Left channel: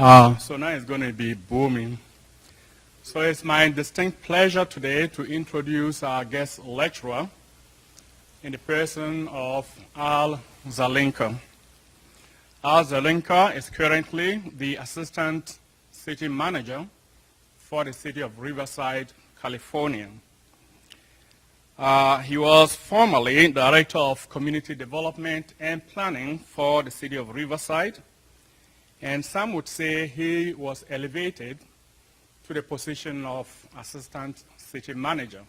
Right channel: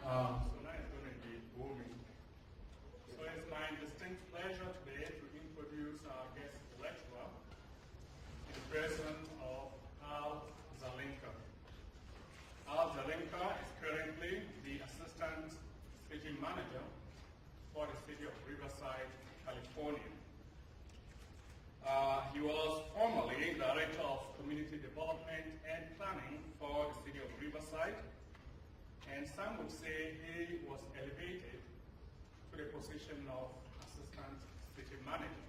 So now it's going to be booming. So it's my distinct pleasure today to introduce our guest lecturer in the person of Zelinka. Zelinka is currently the Assistant City Manager for the city of Riverside, California. He was formerly Director of Community Development and Planning for the city of Riverside, and some would say he was elevated to the position of Assistant City Manager.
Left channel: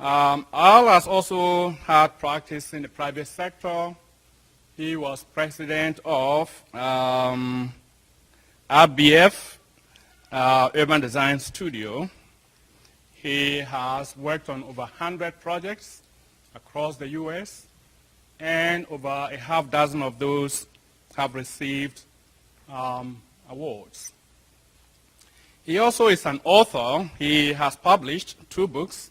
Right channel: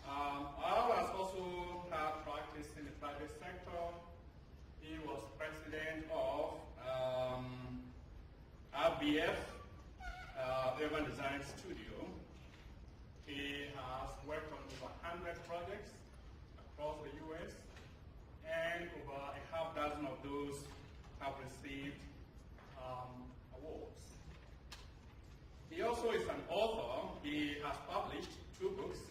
Al has also had practice in the private sector. He was president of RBF, Urban Design Studio. He has worked on over 100 projects across the U.S., and over a half dozen of those have received awards. He also is an author. He has published 2 books,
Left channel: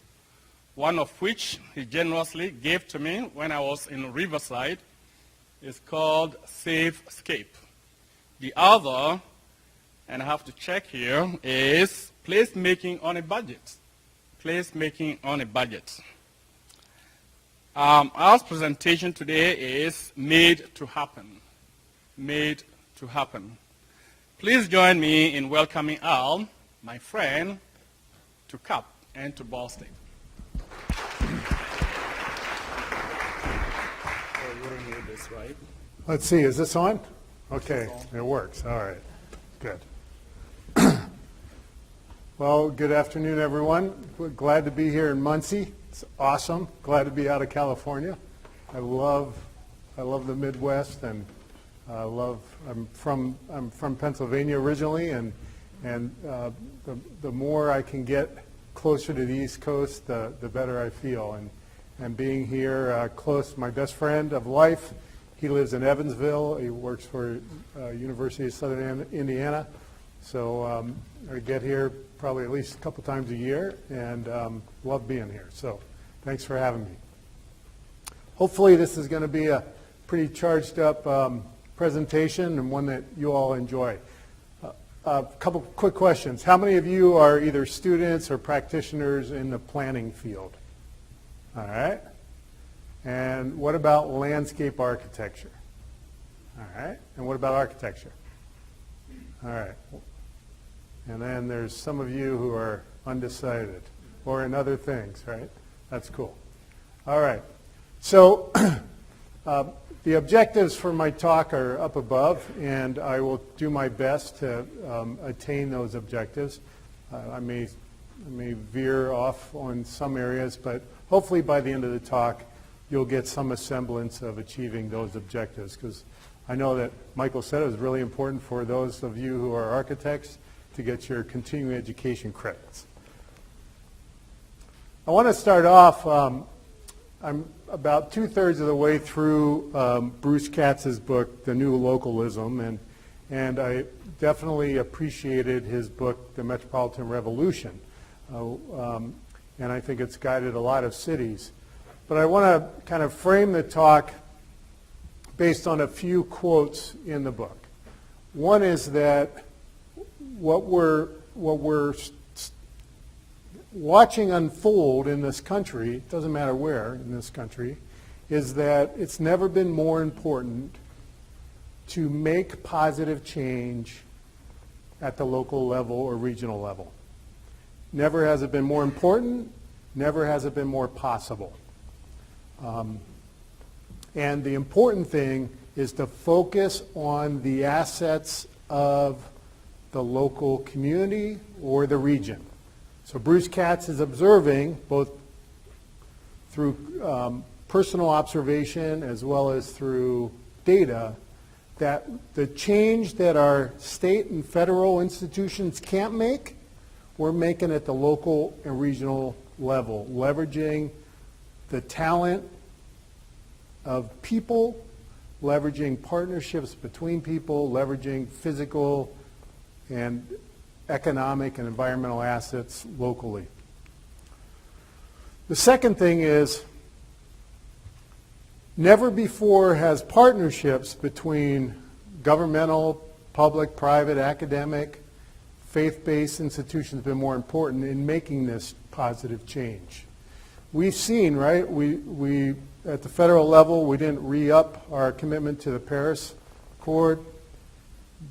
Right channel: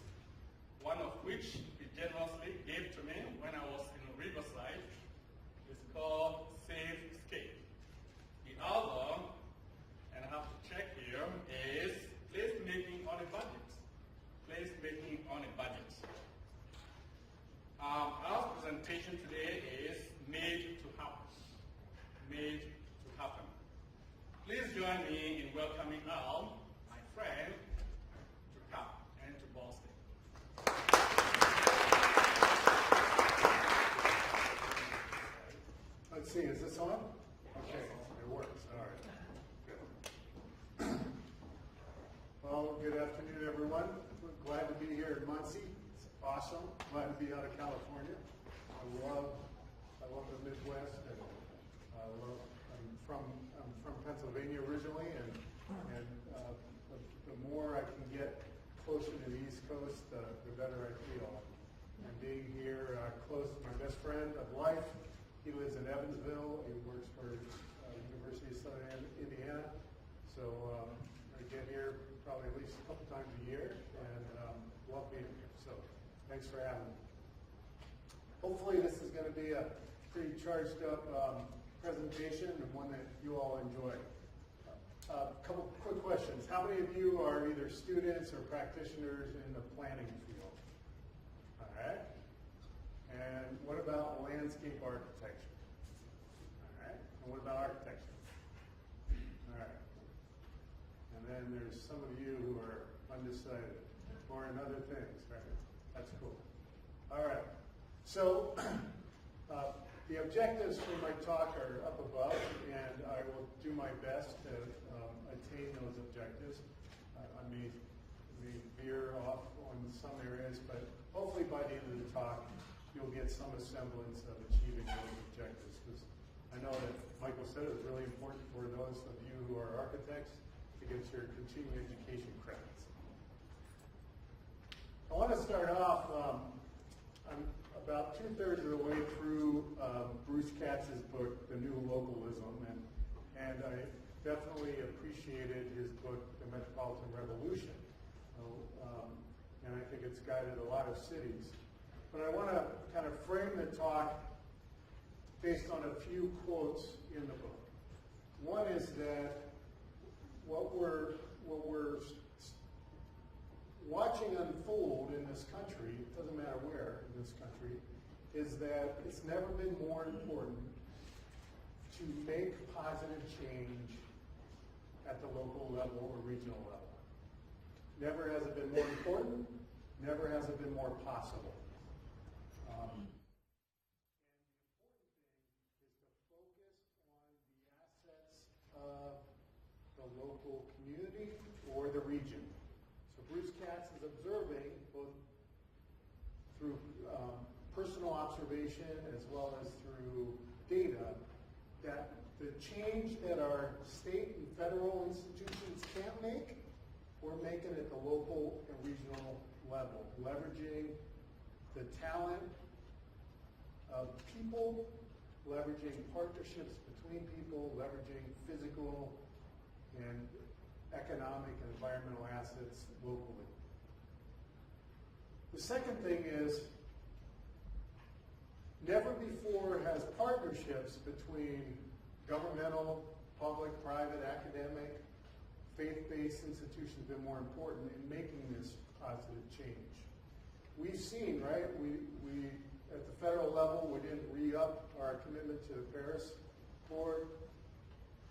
one of which he generously gave to me when I was in Riverside. It's called FAICP. The other, and I have to check here, is Placemaking on a Budget. Placemaking on a Budget. Our presentation today is Made to Happen. Made to Happen. Please join me in welcoming Al, my friend, to CAP and to Ball State. Right? Let's see, is this on? Okay, it works. All right, good. Well, good afternoon, everyone. We're glad to be here in Muncie. It's awesome. Glad to be out of California. I love the Midwest, and I'm from Pennsylvania originally, and the more I can get closer to the East Coast, the better I feel. And being here close, my best friend of life, he lives in Evansville. He works for University of Southern Indiana. So I get here probably at least a couple times a year, and love being here. So thanks for having me. Hopefully this is going to be a pretty charged up presentation, and one that you all enjoy. A couple quick questions. How many of you are either students or practitioners in the planning field? All right. And what about landscape architecture? All right. And what about architecture? All right. And then there's some of you who are undecided or in other things, right? That's cool. All right. So the objectives for my talk are up above, and I will do my best to attain those objectives. I may veer off on some areas, but hopefully by the end of the talk, you'll get some semblance of achieving those objectives, because I know that Michael said it was really important for those of you who are architects to get your continuing education credits. I want to start off, I'm about 2/3 of the way through Bruce Katz's book, The New Localism, and I definitely appreciated his book, The Metropolitan Revolution, and I think it's guided a lot of cities. But I want to kind of frame the talk based on a few quotes in the book. One is that what we're watching unfold in this country, it doesn't matter where in this country, is that it's never been more important to make positive change at the local level or regional level. Never has it been more important, never has it been more possible. And the important thing is to focus on the assets of the local community or the region. So Bruce Katz is observing, both through personal observation as well as through data, that the change that our state and federal institutions can't make, we're making at the local and regional level, leveraging the talent of people, leveraging partnerships between people, leveraging physical and economic and environmental assets locally. The second thing is, never before has partnerships between governmental, public, private, academic, faith-based institutions have been more important in making this positive change. We've seen, right, we at the federal level, we didn't re-up our commitment to the Paris Accord,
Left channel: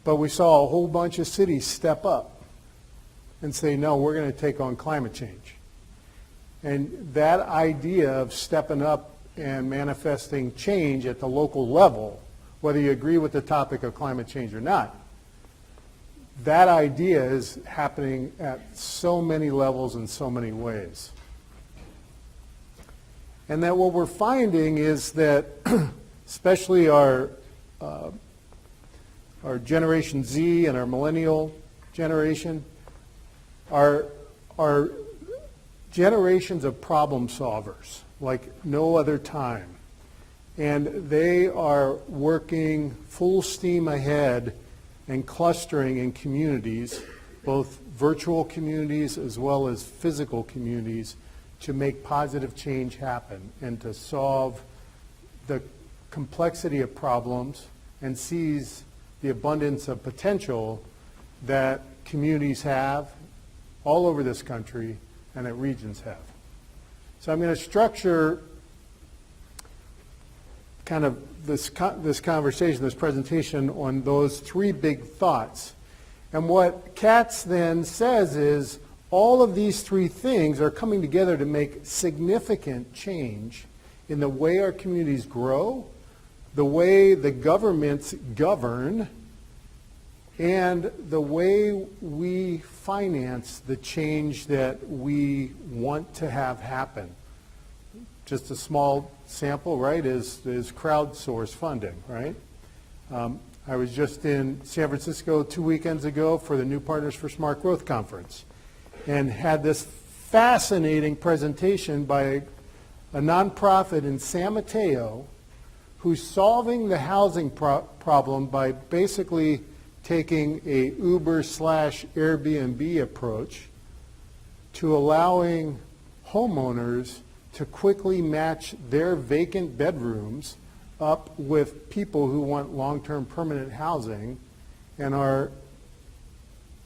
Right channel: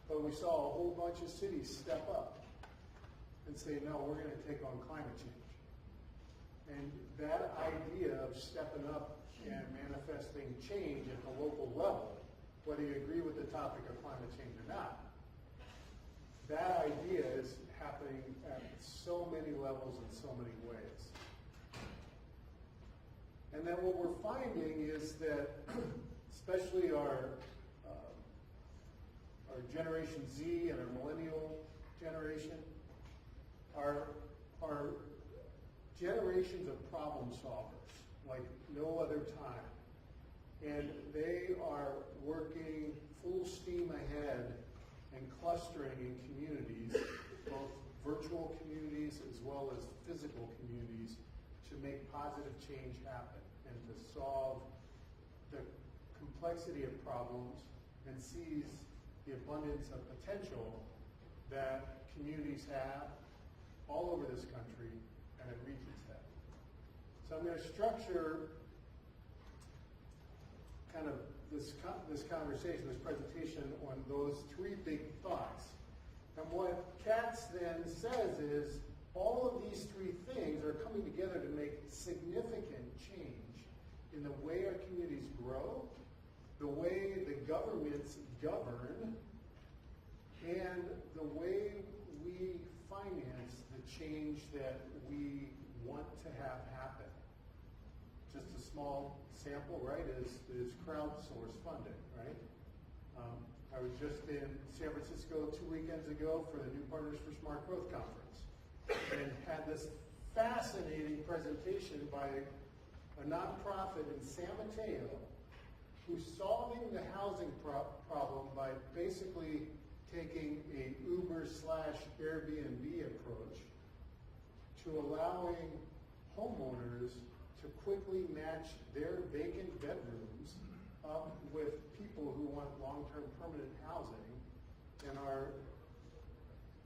but we saw a whole bunch of cities step up and say, no, we're going to take on climate change. And that idea of stepping up and manifesting change at the local level, whether you agree with the topic of climate change or not, that idea is happening at so many levels in so many ways. And that what we're finding is that especially our Generation Z and our millennial generation are generations of problem solvers like no other time. And they are working full steam ahead and clustering in communities, both virtual communities as well as physical communities, to make positive change happen and to solve the complexity of problems and seize the abundance of potential that communities have all over this country and that regions have. So I'm going to structure kind of this conversation, this presentation on those three big thoughts. And what Katz then says is all of these three things are coming together to make significant change in the way our communities grow, the way the governments govern, and the way we finance the change that we want to have happen. Just a small sample, right, is crowdsource funding, right? I was just in San Francisco 2 weekends ago for the New Partners for Smart Growth Conference and had this fascinating presentation by a nonprofit in San Mateo who's solving the housing problem by basically taking a Uber/Airbnb approach to allowing homeowners to quickly match their vacant bedrooms up with people who want long-term permanent housing and are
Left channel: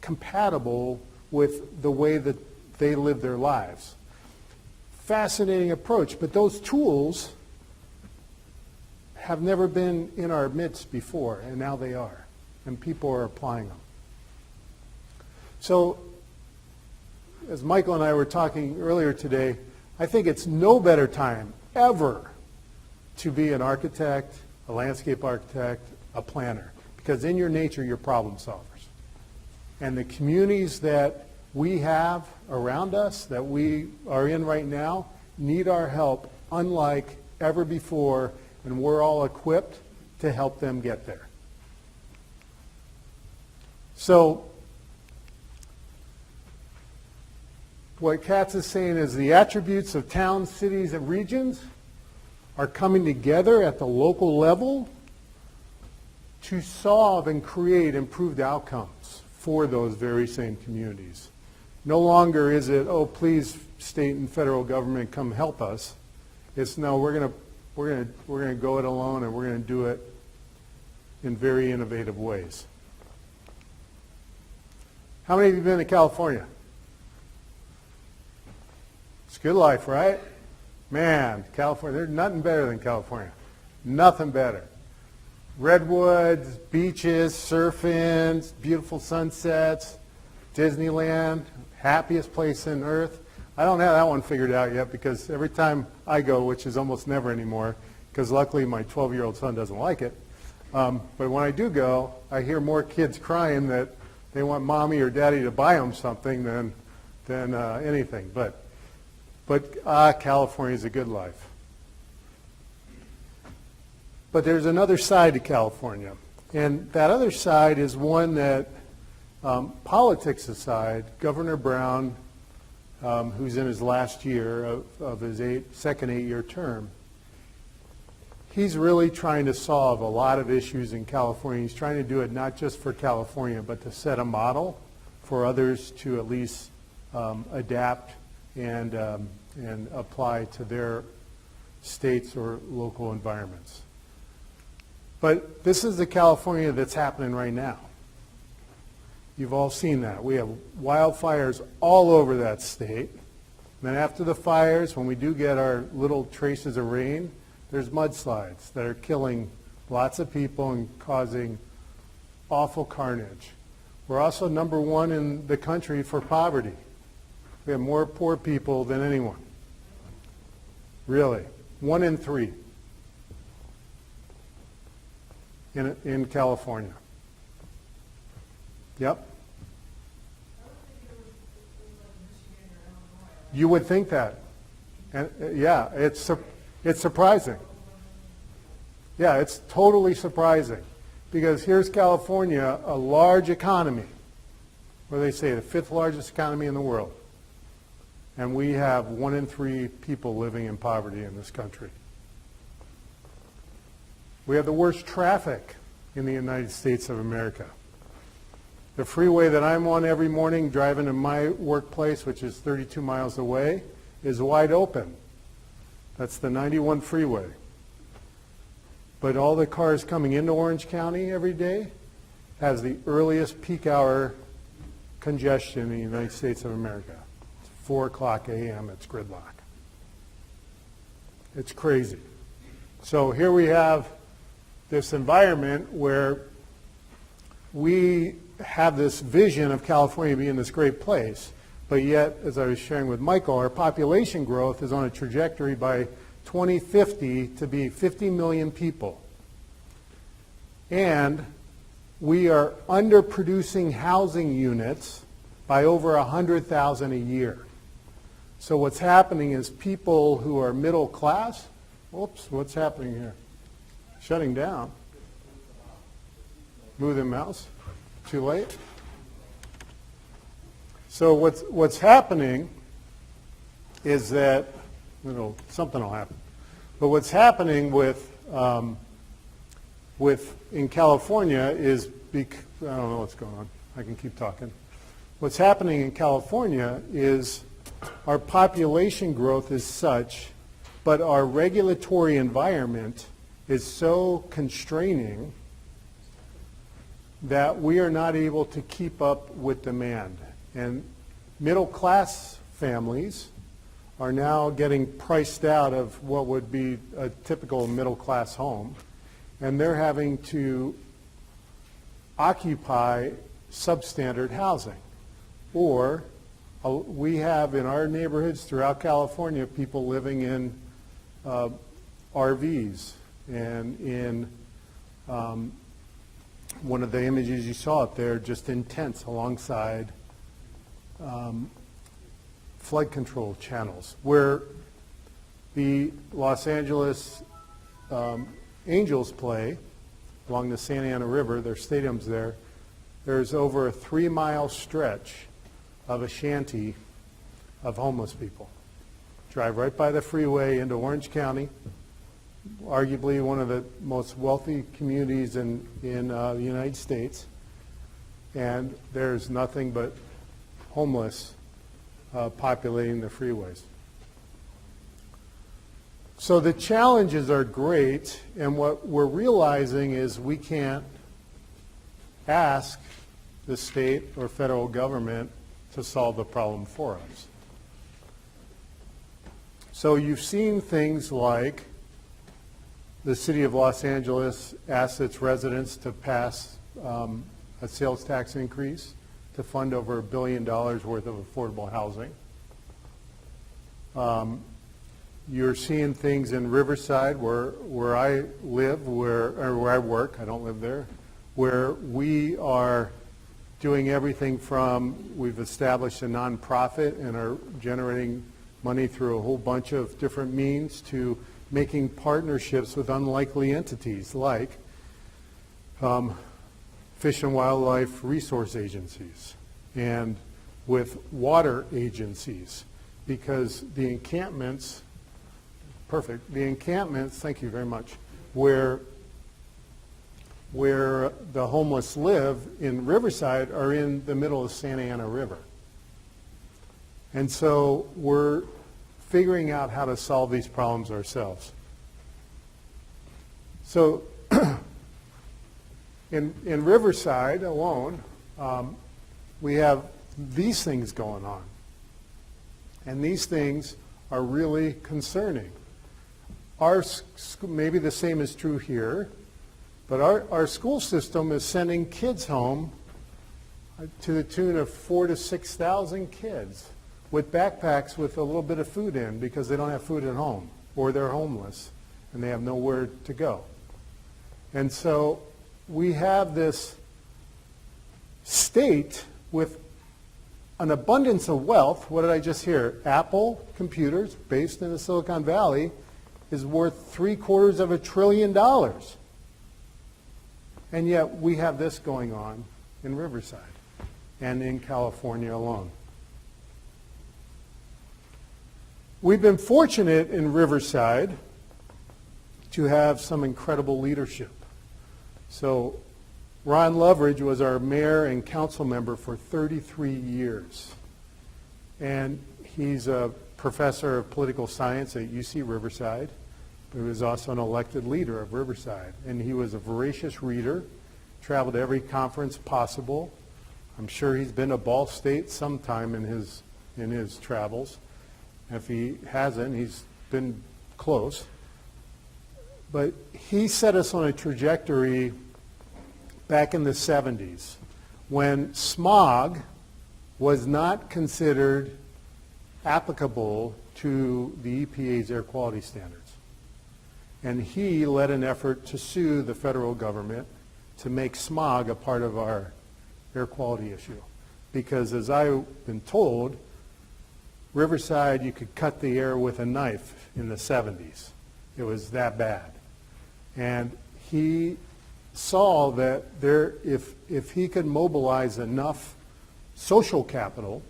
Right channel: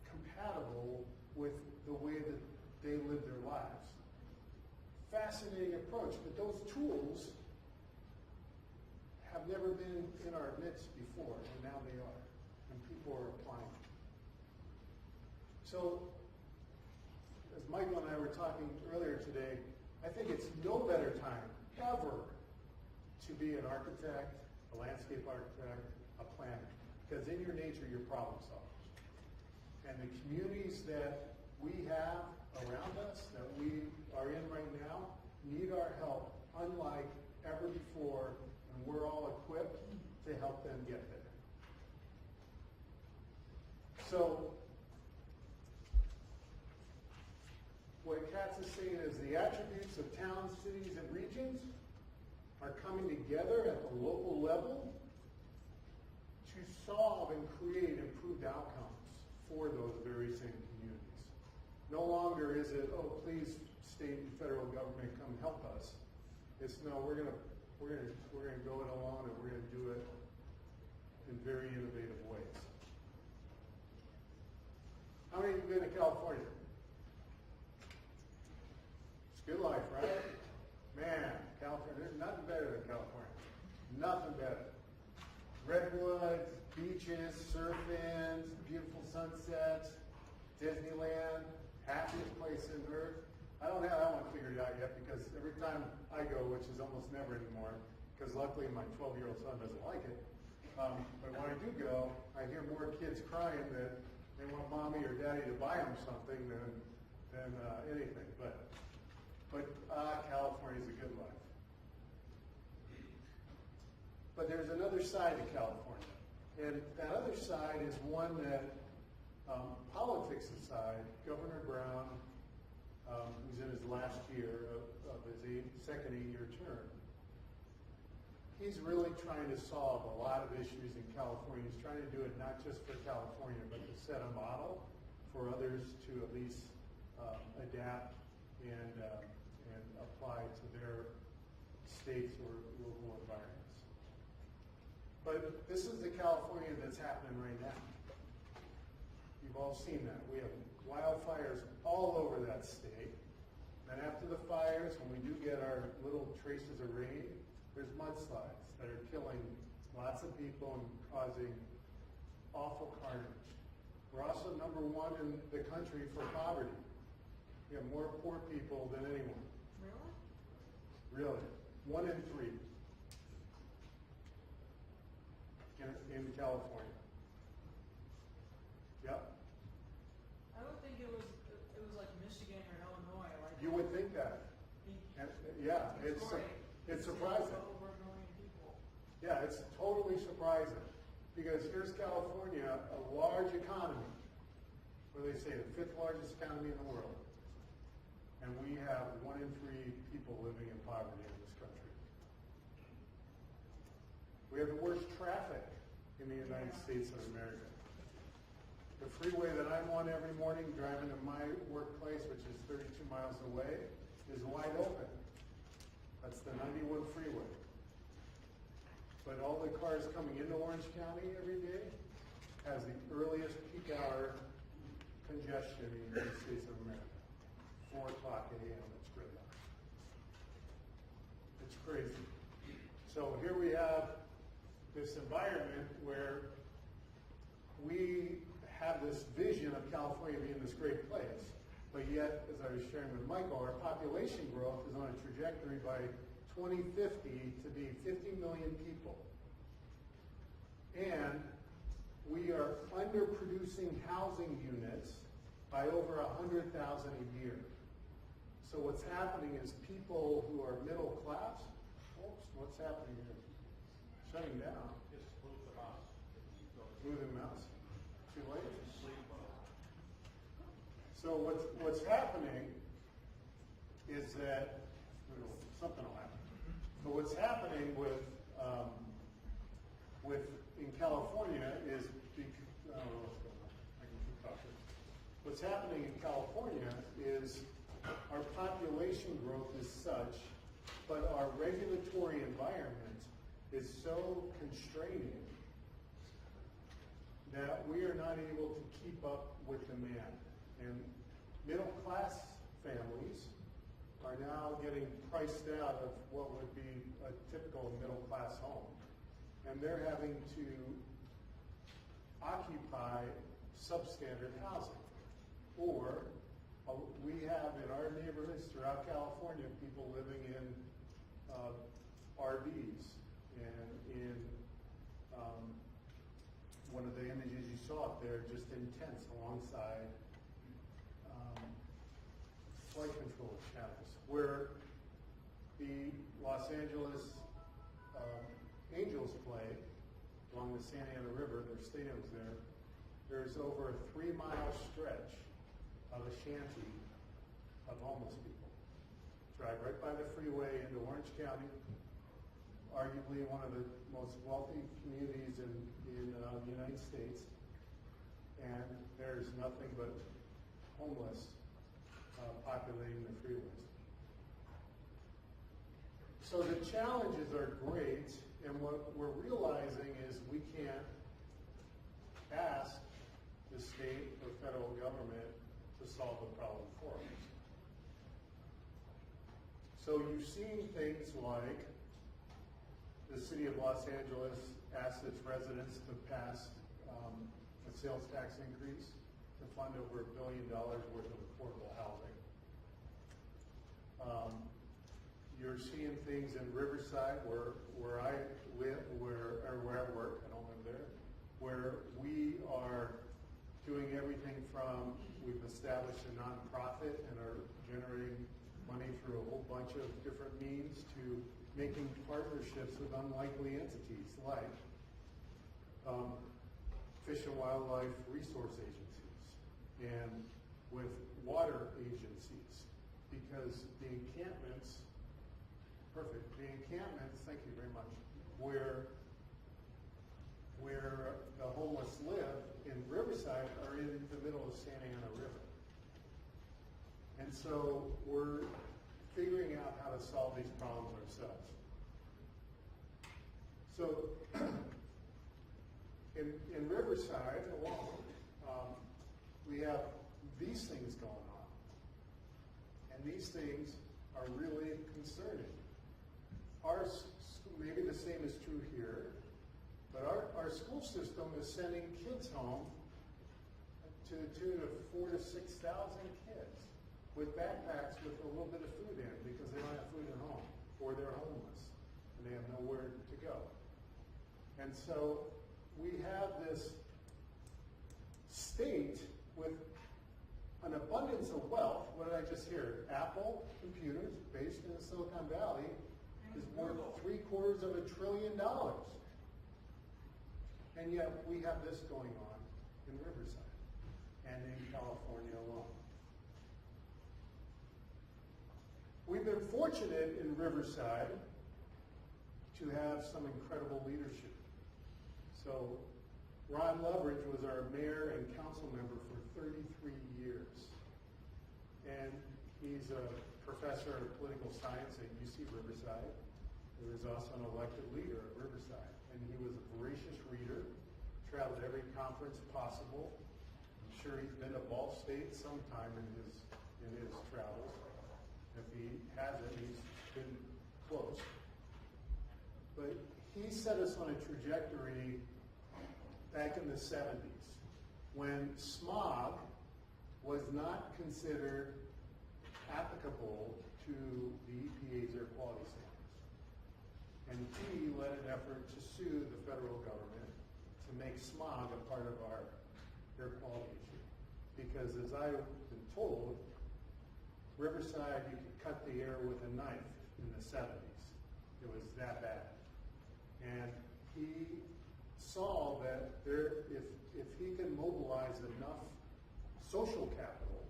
compatible with the way that they live their lives. Fascinating approach, but those tools have never been in our midst before, and now they are, and people are applying them. So, as Michael and I were talking earlier today, I think it's no better time ever to be an architect, a landscape architect, a planner, because in your nature, you're problem solvers. And the communities that we have around us, that we are in right now, need our help unlike ever before, and we're all equipped to help them get there. So, what Katz is saying is the attributes of towns, cities, and regions are coming together at the local level to solve and create improved outcomes for those very same communities. No longer is it, oh, please, state and federal government, come help us. It's no, we're going to go it alone, and we're going to do it in very innovative ways. How many of you have been to California? It's good life, right? Man, California, there's nothing better than California. Nothing better. Redwoods, beaches, surfing, beautiful sunsets, Disneyland, happiest place on earth. I don't have that one figured out yet because every time I go, which is almost never anymore, because luckily my 12-year-old son doesn't like it, but when I do go, I hear more kids crying that they want mommy or daddy to buy them something than anything. But California is a good life. But there's another side to California. And that other side is one that, politics aside, Governor Brown, who's in his last year of his second 8-year term, he's really trying to solve a lot of issues in California. He's trying to do it not just for California, but to set a model for others to at least adapt and apply to their states or local environments. But this is the California that's happening right now. You've all seen that. We have wildfires all over that state. And then after the fires, when we do get our little traces of rain, there's mudslides that are killing lots of people and causing awful carnage. We're also number one in the country for poverty. We have more poor people than anyone. Really. 1 in 3 in California. Yep. You would think that. And, yeah, it's surprising. Yeah, it's totally surprising. Because here's California, a large economy. What do they say? The 5th largest economy in the world. And we have 1 in 3 people living in poverty in this country. We have the worst traffic in the United States of America. The freeway that I'm on every morning driving to my workplace, which is 32 miles away, is wide open. That's the 91 freeway. But all the cars coming into Orange County every day has the earliest peak hour congestion in the United States of America. It's 4 o'clock a.m. It's gridlock. It's crazy. So here we have this environment where we have this vision of California being this great place, but yet, as I was sharing with Michael, our population growth is on a trajectory by 2050 to be 50 million people. And we are underproducing housing units by over 100,000 a year. So what's happening is people who are middle class, oops, what's happening here? Shutting down. Move the mouse. Too late? So what's happening is that, something will happen. But what's happening with in California is, I don't know what's going on. I can keep talking. What's happening in California is our population growth is such, but our regulatory environment is so constraining that we are not able to keep up with demand. And middle class families are now getting priced out of what would be a typical middle class home, and they're having to occupy substandard housing. Or we have in our neighborhoods throughout California people living in RVs and in one of the images you saw up there, just in tents alongside flood control channels, where the Los Angeles Angels play along the Santa Ana River. Their stadium's there. There's over a 3-mile stretch of a shanty of homeless people. Drive right by the freeway into Orange County, arguably one of the most wealthy communities in the United States, and there's nothing but homeless populating the freeways. So the challenges are great, and what we're realizing is we can't ask the state or federal government to solve the problem for us. So you've seen things like the city of Los Angeles asked its residents to pass a sales tax increase to fund over $1 billion worth of affordable housing. You're seeing things in Riverside, where I live, or where I work, I don't live there, where we are doing everything from, we've established a nonprofit and are generating money through a whole bunch of different means, to making partnerships with unlikely entities like Fish and Wildlife Resource Agencies and with water agencies, because the encampments, thank you very much, where the homeless live in Riverside are in the middle of Santa Ana River. And so we're figuring out how to solve these problems ourselves. So in Riverside alone, we have these things going on. And these things are really concerning. Maybe the same is true here, but our school system is sending kids home to the tune of 4,000 to 6,000 kids with backpacks with a little bit of food in because they don't have food at home, or they're homeless and they have nowhere to go. And so we have this state with an abundance of wealth. What did I just hear? Apple computers, based in the Silicon Valley, is worth $750 billion. And yet we have this going on in Riverside and in California alone. We've been fortunate in Riverside to have some incredible leadership. So Ron Loveridge was our mayor and council member for 33 years. And he's a professor of political science at UC Riverside, but he was also an elected leader of Riverside. And he was a voracious reader, traveled to every conference possible. I'm sure he's been to Ball State sometime in his travels. If he hasn't, he's been close. But he set us on a trajectory back in the 70s when smog was not considered applicable to the EPA's air quality standards. And he led an effort to sue the federal government to make smog a part of our air quality issue. Because as I've been told, Riverside, you could cut the air with a knife in the 70s. It was that bad. And he saw that if he could mobilize enough social capital,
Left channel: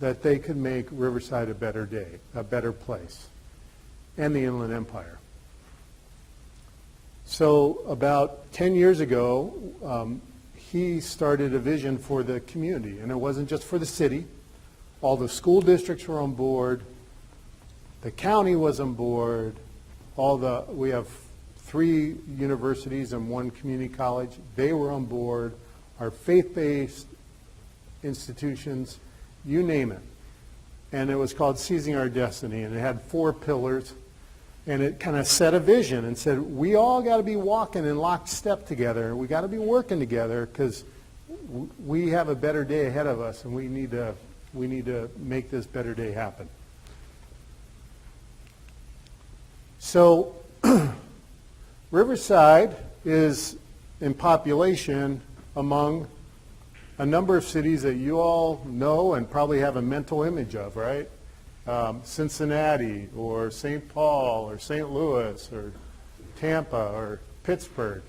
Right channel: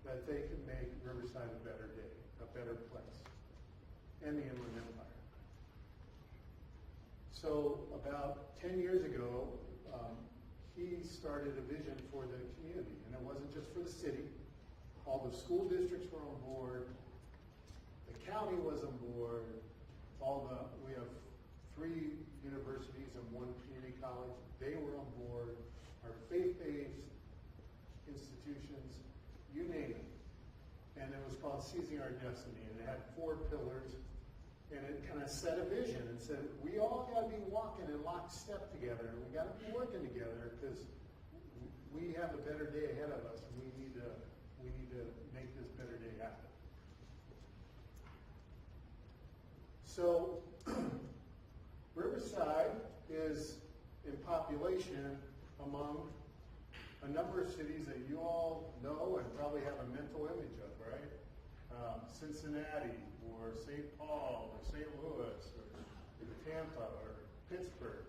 that they could make Riverside a better place, and the Inland Empire. So about 10 years ago, he started a vision for the community, and it wasn't just for the city. All the school districts were on board. The county was on board. We have 3 universities and 1 community college. They were on board. Our faith-based institutions, you name it. And it was called Seizing Our Destiny, and it had 4 pillars. And it kind of set a vision and said, we all got to be walking in lockstep together. We got to be working together because we have a better day ahead of us, and we need to make this better day happen. So Riverside is in population among a number of cities that you all know and probably have a mental image of, right? Cincinnati or St. Paul or St. Louis or Tampa or Pittsburgh.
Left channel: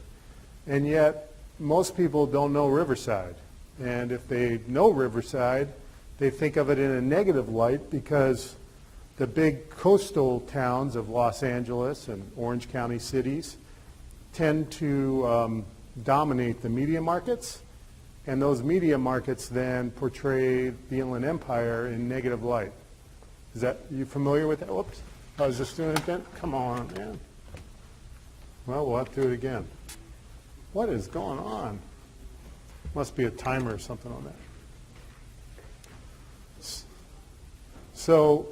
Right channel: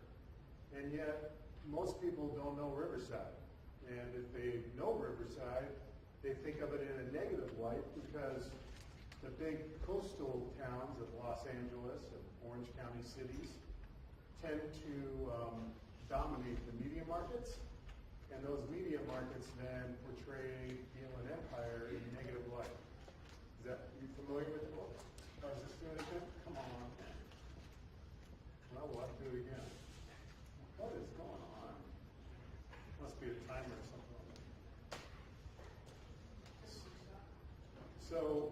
And yet most people don't know Riverside. And if they know Riverside, they think of it in a negative light because the big coastal towns of Los Angeles and Orange County cities tend to dominate the media markets, and those media markets then portray the Inland Empire in negative light. You familiar with that? Whoops, I was just doing it again. Come on, man. Well, we'll have to do it again. What is going on? Must be a timer or something on that. So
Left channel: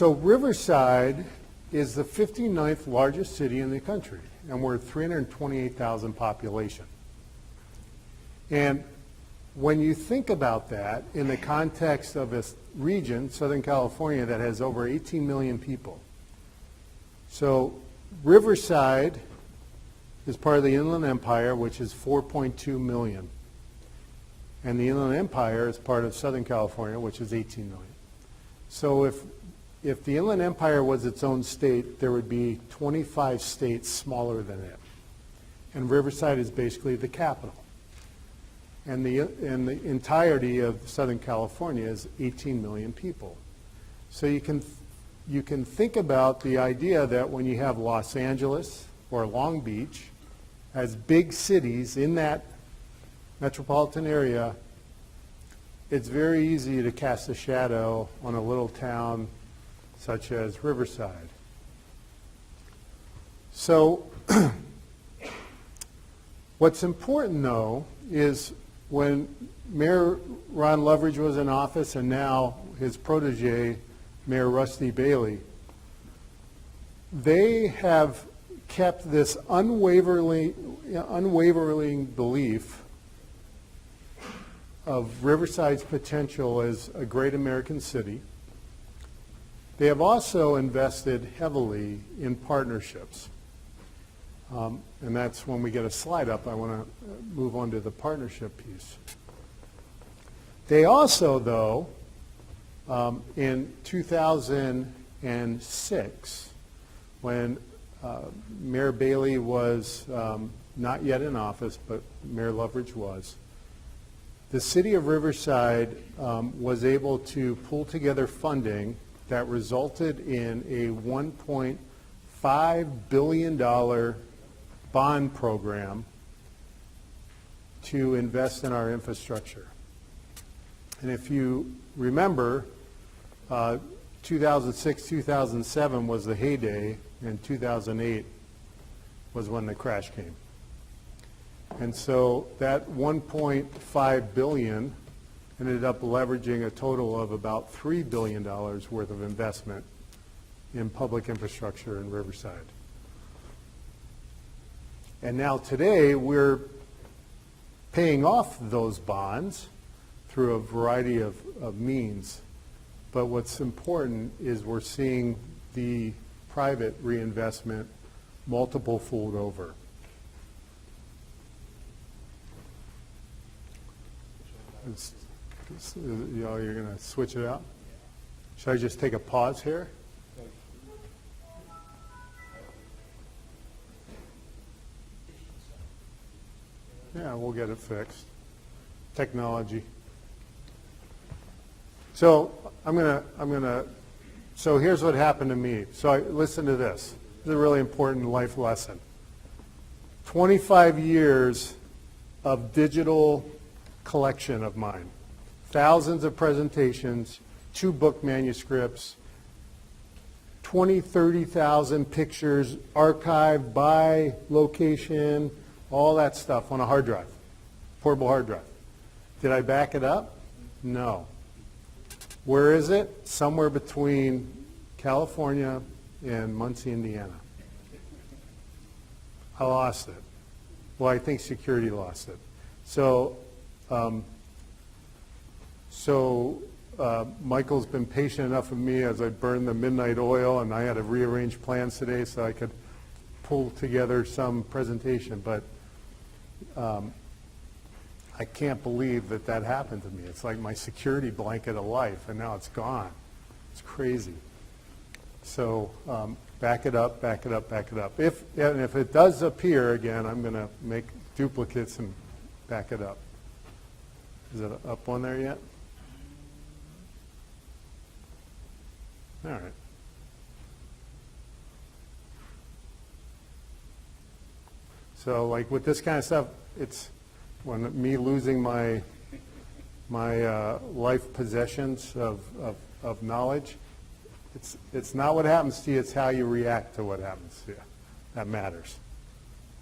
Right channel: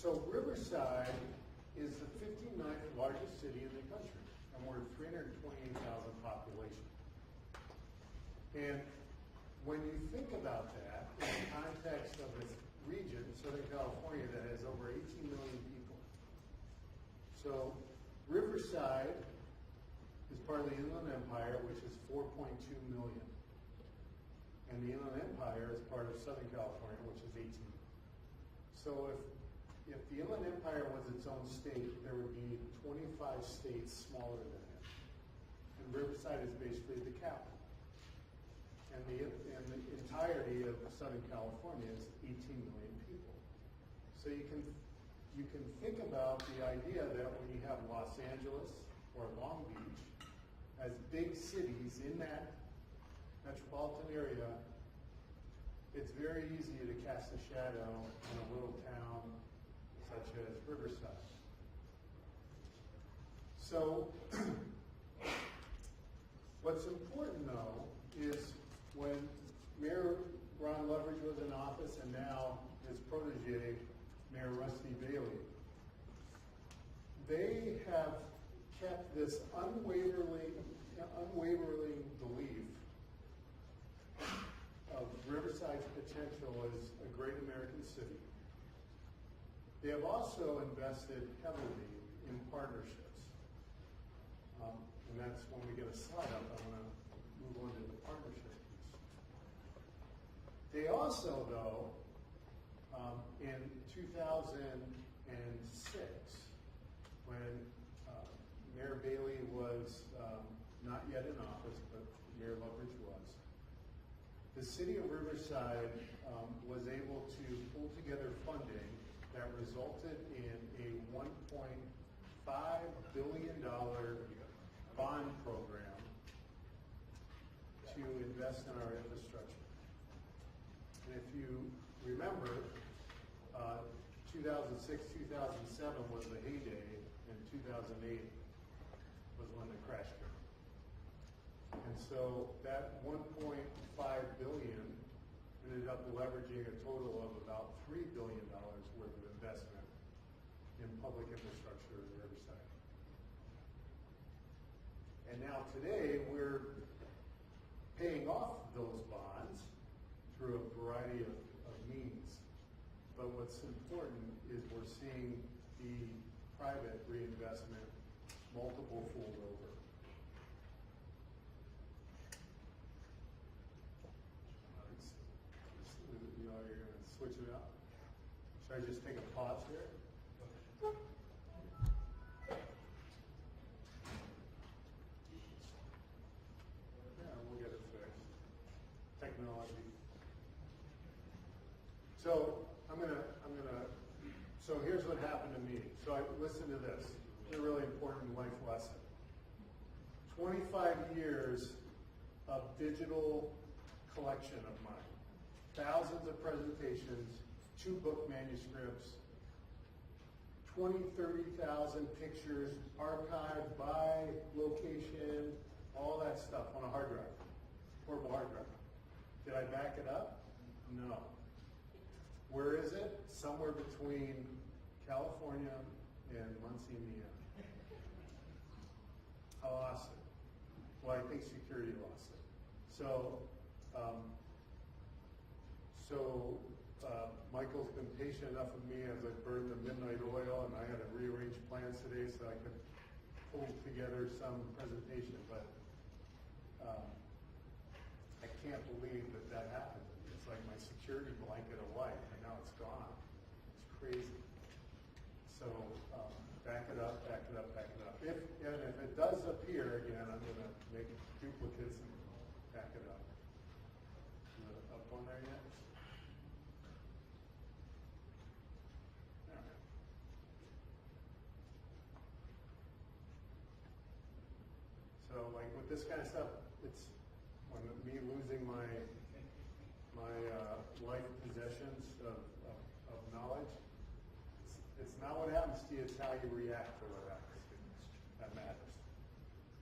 Riverside is the 59th largest city in the country, and we're 328,000 population. And when you think about that in the context of a region, Southern California, that has over 18 million people. So Riverside is part of the Inland Empire, which is 4.2 million. And the Inland Empire is part of Southern California, which is 18 million. So if the Inland Empire was its own state, there would be 25 states smaller than it. And Riverside is basically the capital. And the entirety of Southern California is 18 million people. So you can think about the idea that when you have Los Angeles or Long Beach as big cities in that metropolitan area, it's very easy to cast a shadow on a little town such as Riverside. So What's important, though, is when Mayor Ron Loveridge was in office and now his protege, Mayor Rusty Bailey, they have kept this unwavering belief of Riverside's potential as a great American city. They have also invested heavily in partnerships. And that's when we get a slide up, I want to move on to the partnership piece. They also, though, in 2006, when Mayor Bailey was not yet in office, but Mayor Loveridge was, the city of Riverside was able to pull together funding that resulted in a $1.5 billion bond program to invest in our infrastructure. And if you remember, 2006, 2007 was the heyday, and 2008 was when the crash came. And so that $1.5 billion ended up leveraging a total of about $3 billion worth of investment in public infrastructure in Riverside. And now today we're paying off those bonds through a variety of means. But what's important is we're seeing the private reinvestment multiple fold over. You know, you're going to switch it out? Should I just take a pause here? Yeah, we'll get it fixed. Technology. So so here's what happened to me. So listen to this. This is a really important life lesson. 25 years of digital collection of mine. Thousands of presentations, 2 book manuscripts, 20, 30,000 pictures archived by location, all that stuff on a hard drive, portable hard drive. Did I back it up? No. Where is it? Somewhere between California and Muncie, Indiana. I lost it. Well, I think security lost it. So, Michael's been patient enough with me as I burned the midnight oil, and I had to rearrange plans today so I could pull together some presentation. But I can't believe that that happened to me. It's like my security blanket of life, and now it's gone. It's crazy. So back it up, back it up, back it up. If it does appear again, I'm going to make duplicates and back it up. Is it up on there yet? All right. So like with this kind of stuff, it's when me losing my life possessions of knowledge, it's not what happens to you, it's how you react to what happens to you. That matters.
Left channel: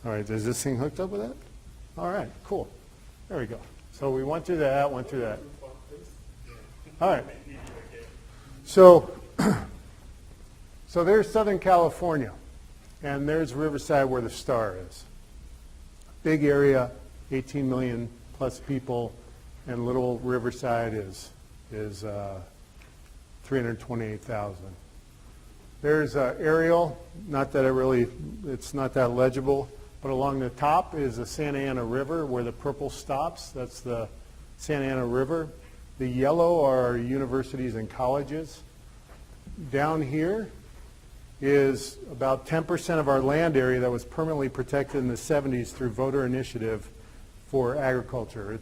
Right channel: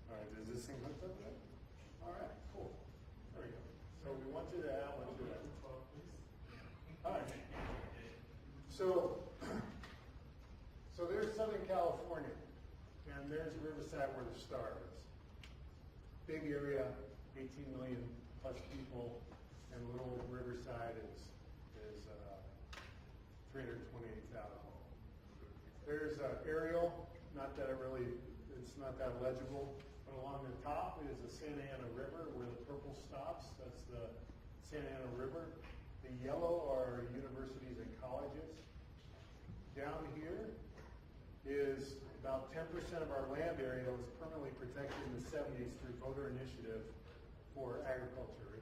All right, is this thing hooked up with that? All right, cool. There we go. So we went through that, went through that. All right. So there's Southern California, and there's Riverside where the star is. Big area, 18 million plus people, and little Riverside is 328,000. There's aerial, not that it's not that legible, but along the top is the Santa Ana River where the purple stops. That's the Santa Ana River. The yellow are universities and colleges. Down here is about 10% of our land area that was permanently protected in the 70s through voter initiative for agriculture.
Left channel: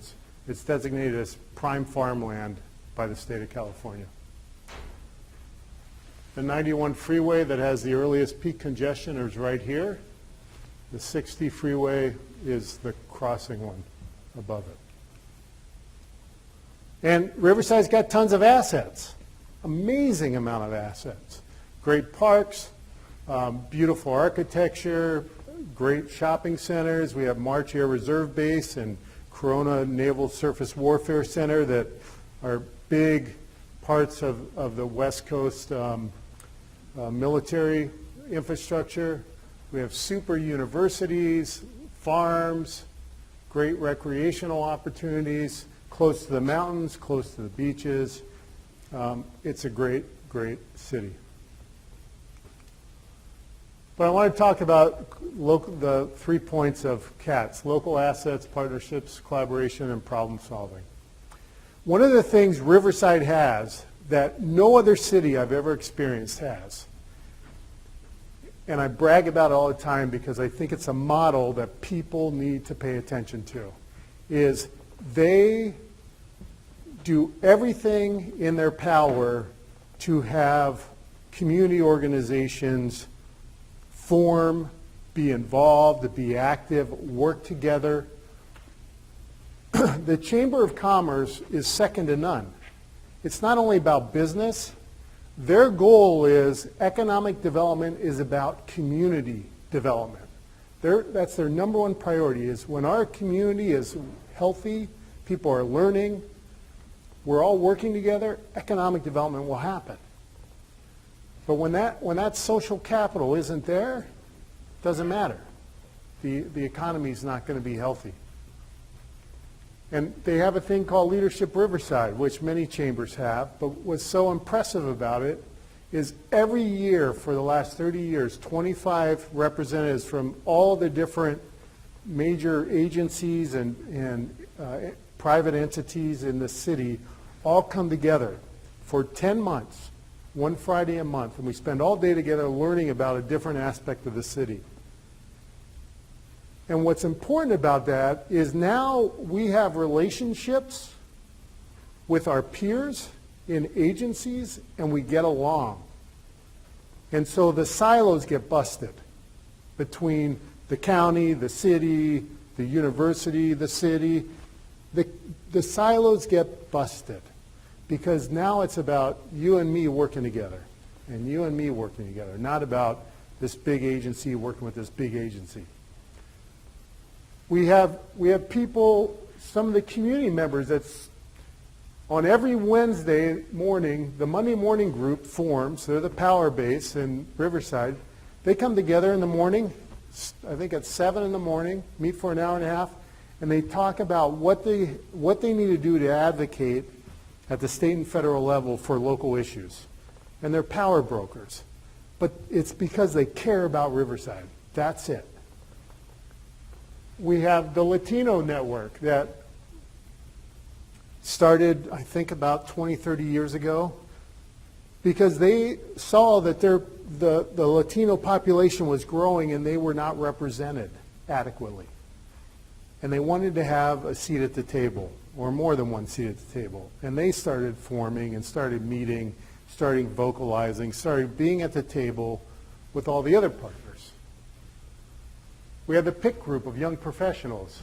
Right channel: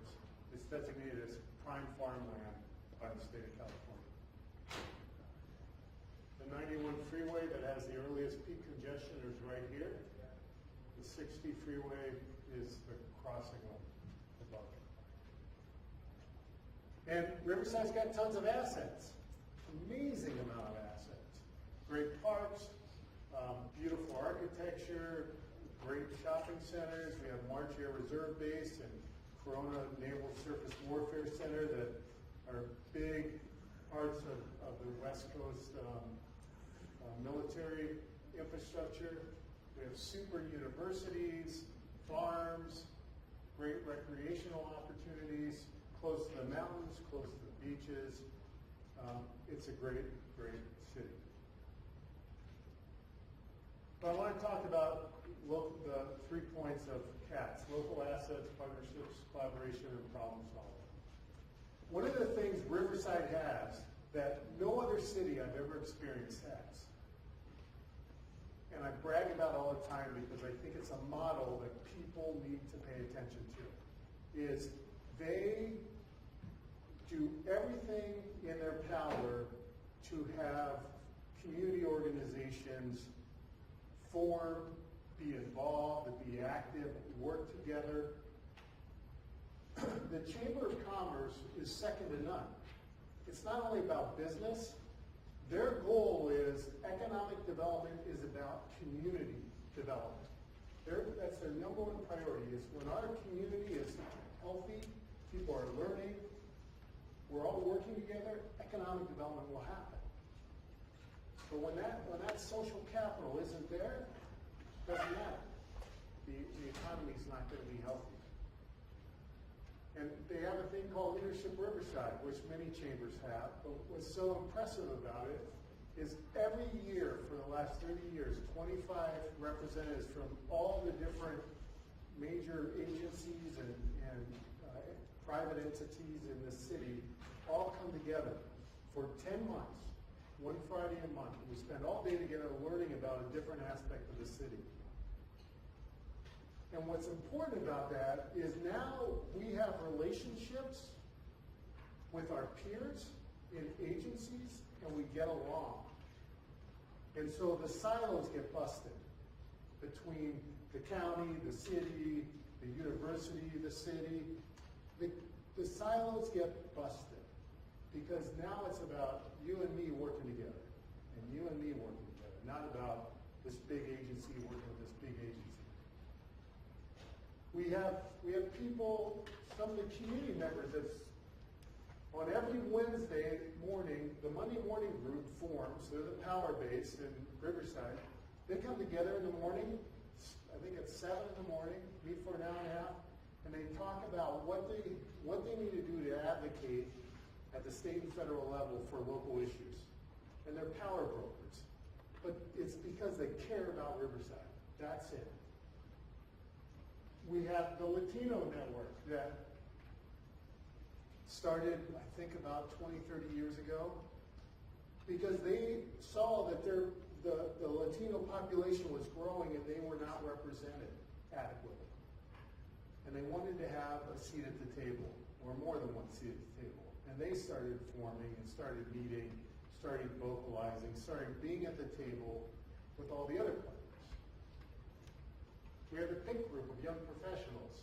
It's designated as prime farmland by the state of California. The 91 freeway that has the earliest peak congestion is right here. The 60 freeway is the crossing one above it. And Riverside's got tons of assets, amazing amount of assets. Great parks, beautiful architecture, great shopping centers. We have March Air Reserve Base and Corona Naval Surface Warfare Center that are big parts of the West Coast military infrastructure. We have super universities, farms, great recreational opportunities, close to the mountains, close to the beaches. It's a great, great city. But I want to talk about the 3 points of CATS: local assets, partnerships, collaboration, and problem solving. One of the things Riverside has that no other city I've ever experienced has, and I brag about it all the time because I think it's a model that people need to pay attention to, is they do everything in their power to have community organizations form, be involved, be active, work together. The Chamber of Commerce is second to none. It's not only about business. Their goal is economic development is about community development. That's their number one priority, is when our community is healthy, people are learning, we're all working together, economic development will happen. But when that social capital isn't there, it doesn't matter. The economy is not going to be healthy. And they have a thing called Leadership Riverside, which many chambers have, but what's so impressive about it is every year for the last 30 years, 25 representatives from all the different major agencies and private entities in the city all come together for 10 months, one Friday a month, and we spend all day together learning about a different aspect of the city. And what's important about that is now we have relationships with our peers in agencies, and we get along. And so the silos get busted between the county, the city, the university, the city. The silos get busted because now it's about you and me working together and you and me working together, not about this big agency working with this big agency. We have people, some of the community members that's on every Wednesday morning, the Monday morning group forms. They're the power base in Riverside. They come together in the morning, I think at 7 in the morning, meet for an hour and a half, and they talk about what they need to do to advocate at the state and federal level for local issues. And they're power brokers. But it's because they care about Riverside. That's it. We have the Latino network that started, I think, about 20, 30 years ago because they saw that the Latino population was growing and they were not represented adequately. And they wanted to have a seat at the table, or more than one seat at the table. And they started forming and started meeting, starting vocalizing, started being at the table with all the other partners. We had the PIC group of young professionals.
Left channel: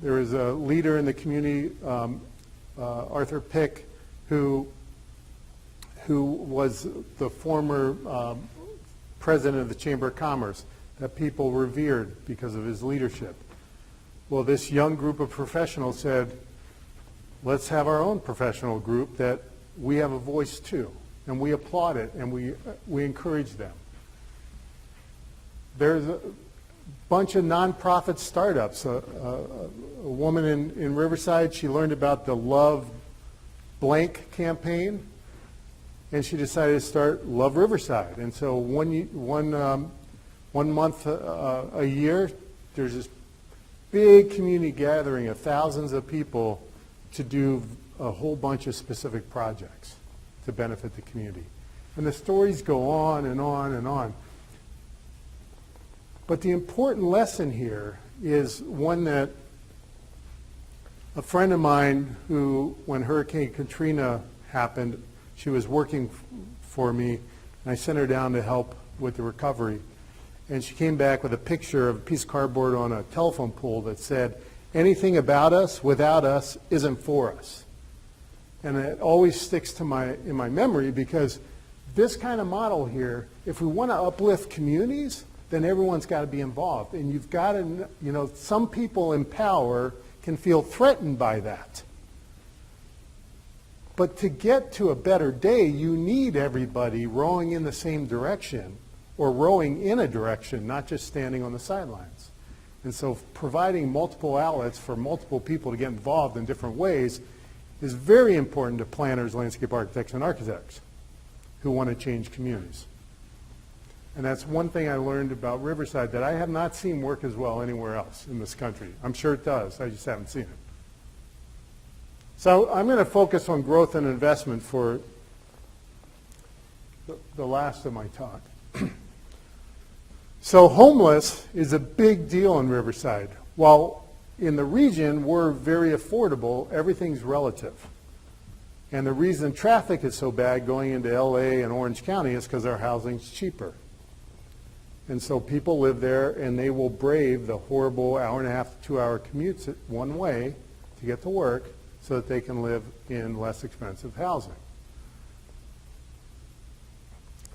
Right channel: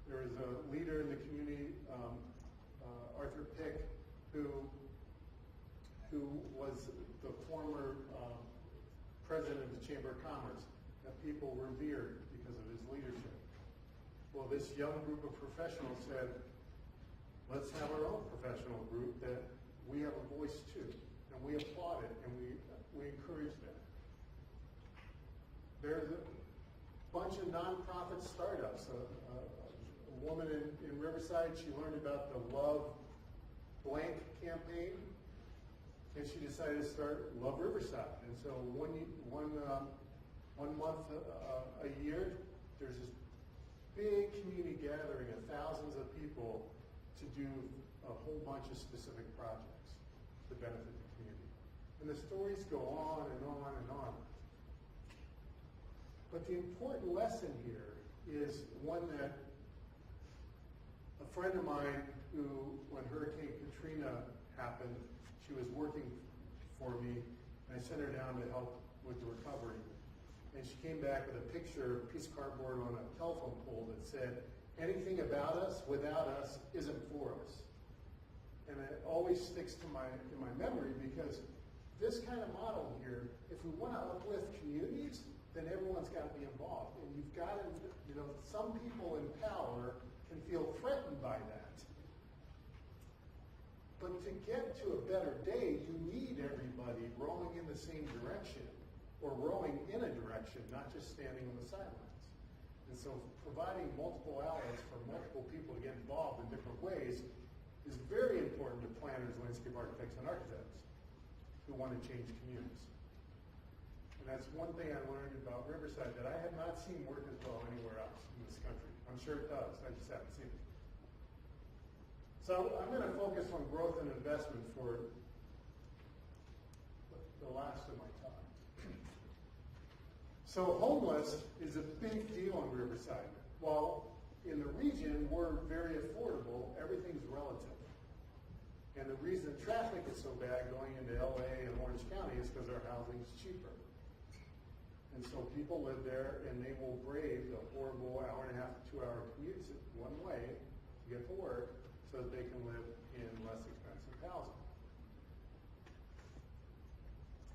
There was a leader in the community, Arthur Pick, who was the former president of the Chamber of Commerce that people revered because of his leadership. Well, this young group of professionals said, let's have our own professional group that we have a voice too. And we applaud it and we encourage them. There's a bunch of nonprofit startups. A woman in Riverside, she learned about the Love Blank campaign, and she decided to start Love Riverside. And so one month a year, there's this big community gathering of thousands of people to do a whole bunch of specific projects to benefit the community. And the stories go on and on and on. But the important lesson here is one that a friend of mine who, when Hurricane Katrina happened, she was working for me, and I sent her down to help with the recovery. And she came back with a picture of a piece of cardboard on a telephone pole that said, anything about us without us isn't for us. And it always sticks to in my memory because this kind of model here, if we want to uplift communities, then everyone's got to be involved. And you've got to, you know, some people in power can feel threatened by that. But to get to a better day, you need everybody rowing in the same direction, or rowing in a direction, not just standing on the sidelines. And so providing multiple outlets for multiple people to get involved in different ways is very important to planners, landscape architects, and architects who want to change communities. And that's one thing I learned about Riverside that I have not seen work as well anywhere else in this country. I'm sure it does, I just haven't seen it. So I'm going to focus on growth and investment for the last of my talk. So homeless is a big deal in Riverside. While in the region we're very affordable, everything's relative. And the reason traffic is so bad going into LA and Orange County is because our housing's cheaper. And so people live there and they will brave the horrible hour-and-a-half to 2-hour commutes one way to get to work so that they can live in less expensive housing.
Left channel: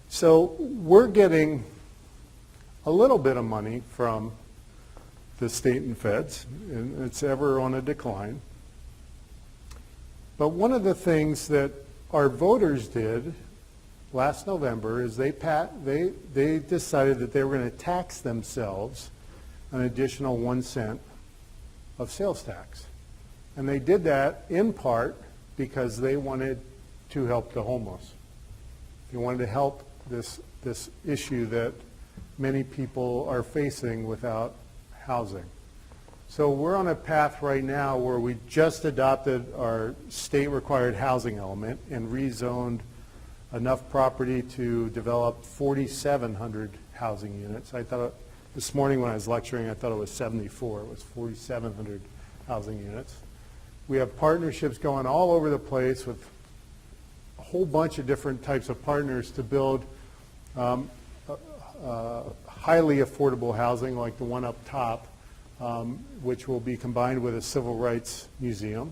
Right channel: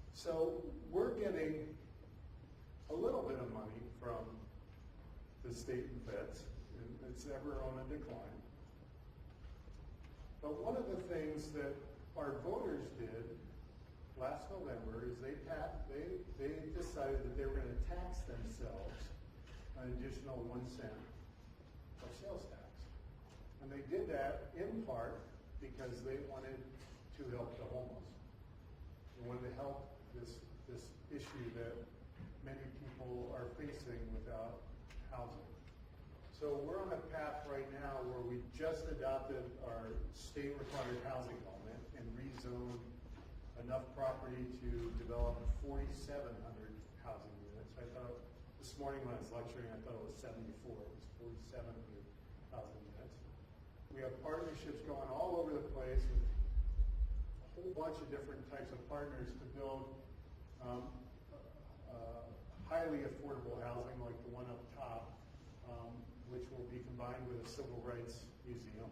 So we're getting a little bit of money from the state and feds, and it's ever on a decline. But one of the things that our voters did last November is they decided that they were going to tax themselves an additional 1 cent of sales tax. And they did that in part because they wanted to help the homeless. They wanted to help this issue that many people are facing without housing. So we're on a path right now where we just adopted our state-required housing element and rezoned enough property to develop 4,700 housing units. I thought this morning when I was lecturing, I thought it was 74. It was 4,700 housing units. We have partnerships going all over the place with a whole bunch of different types of partners to build highly affordable housing like the one up top, which will be combined with a civil rights museum.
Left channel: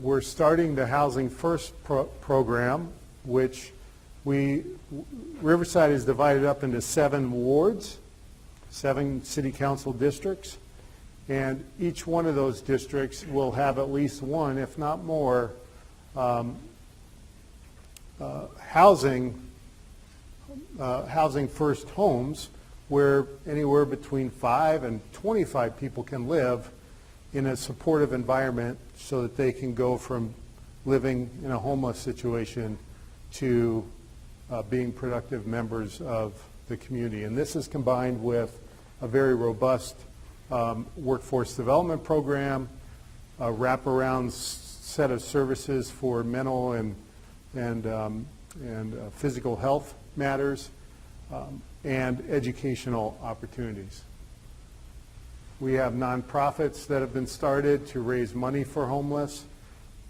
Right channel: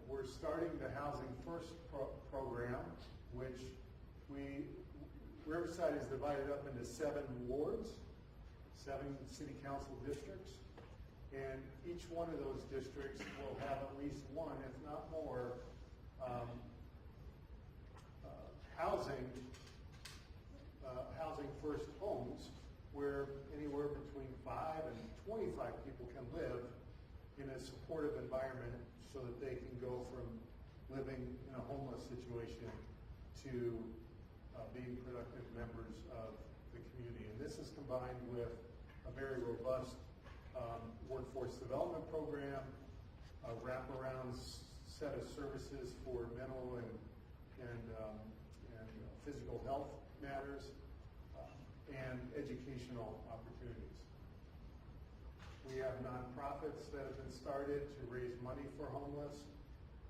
We're starting the Housing First program, which Riverside is divided up into 7 wards, 7 city council districts, and each one of those districts will have at least one, if not more, housing first homes where anywhere between 5 and 25 people can live in a supportive environment so that they can go from living in a homeless situation to being productive members of the community. And this is combined with a very robust workforce development program, a wraparound set of services for mental and physical health matters, and educational opportunities. We have nonprofits that have been started to raise money for homeless.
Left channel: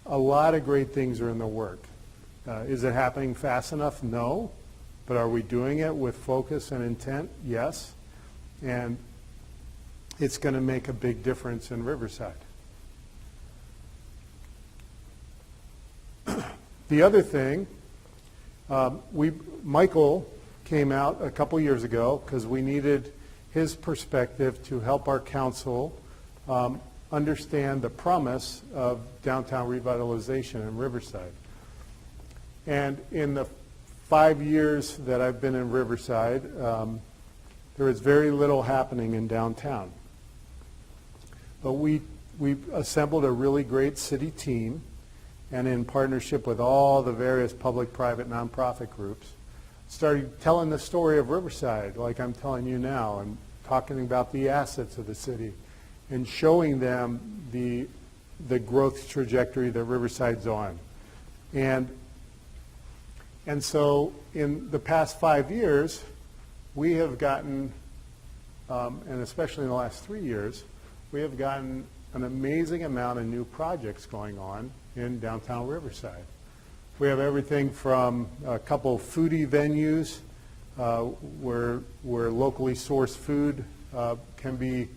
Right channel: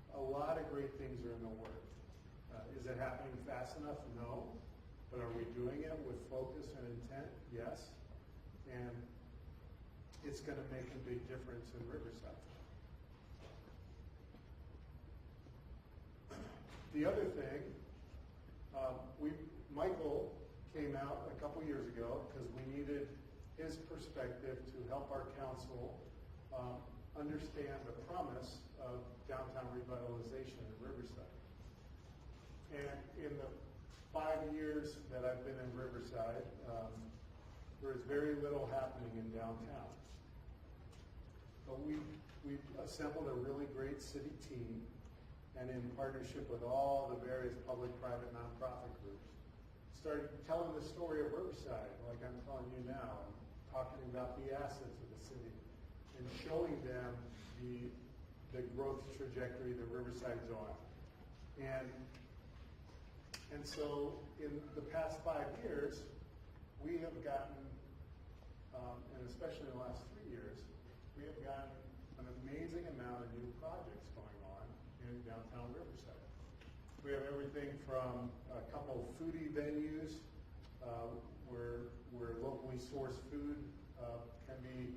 A lot of great things are in the work. Is it happening fast enough? No. But are we doing it with focus and intent? Yes. And it's going to make a big difference in Riverside. The other thing, Michael came out a couple years ago because we needed his perspective to help our council understand the promise of downtown revitalization in Riverside. And in the 5 years that I've been in Riverside, there is very little happening in downtown. But we assembled a really great city team, and in partnership with all the various public, private, nonprofit groups, started telling the story of Riverside like I'm telling you now, and talking about the assets of the city and showing them the growth trajectory that Riverside's on. And so in the past 5 years, we have gotten, and especially in the last 3 years, we have gotten an amazing amount of new projects going on in downtown Riverside. We have everything from a couple of foodie venues where locally sourced food can be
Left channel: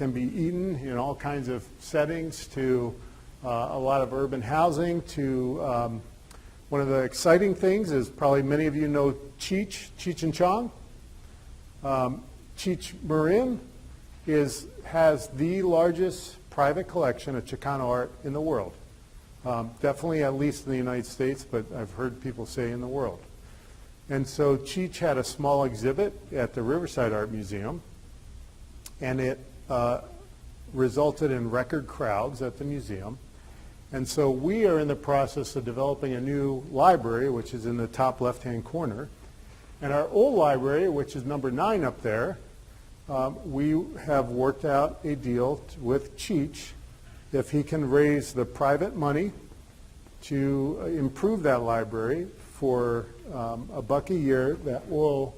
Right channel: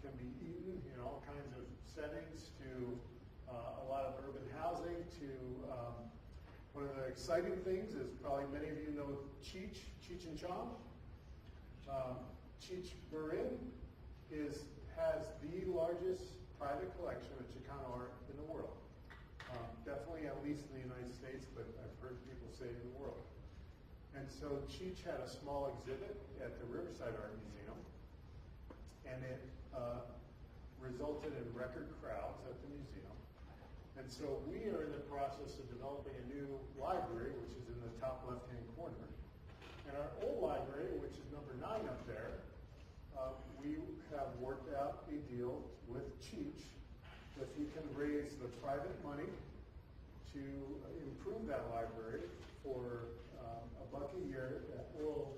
eaten in all kinds of settings, to a lot of urban housing, to One of the exciting things is probably many of you know Cheech and Chong. Cheech Marin has the largest private collection of Chicano art in the world. Definitely at least in the United States, but I've heard people say in the world. And so Cheech had a small exhibit at the Riverside Art Museum, and it resulted in record crowds at the museum. And so we are in the process of developing a new library, which is in the top left-hand corner. And our old library, which is number 9 up there, we have worked out a deal with Cheech. If he can raise the private money to improve that library for $1 a year, that will,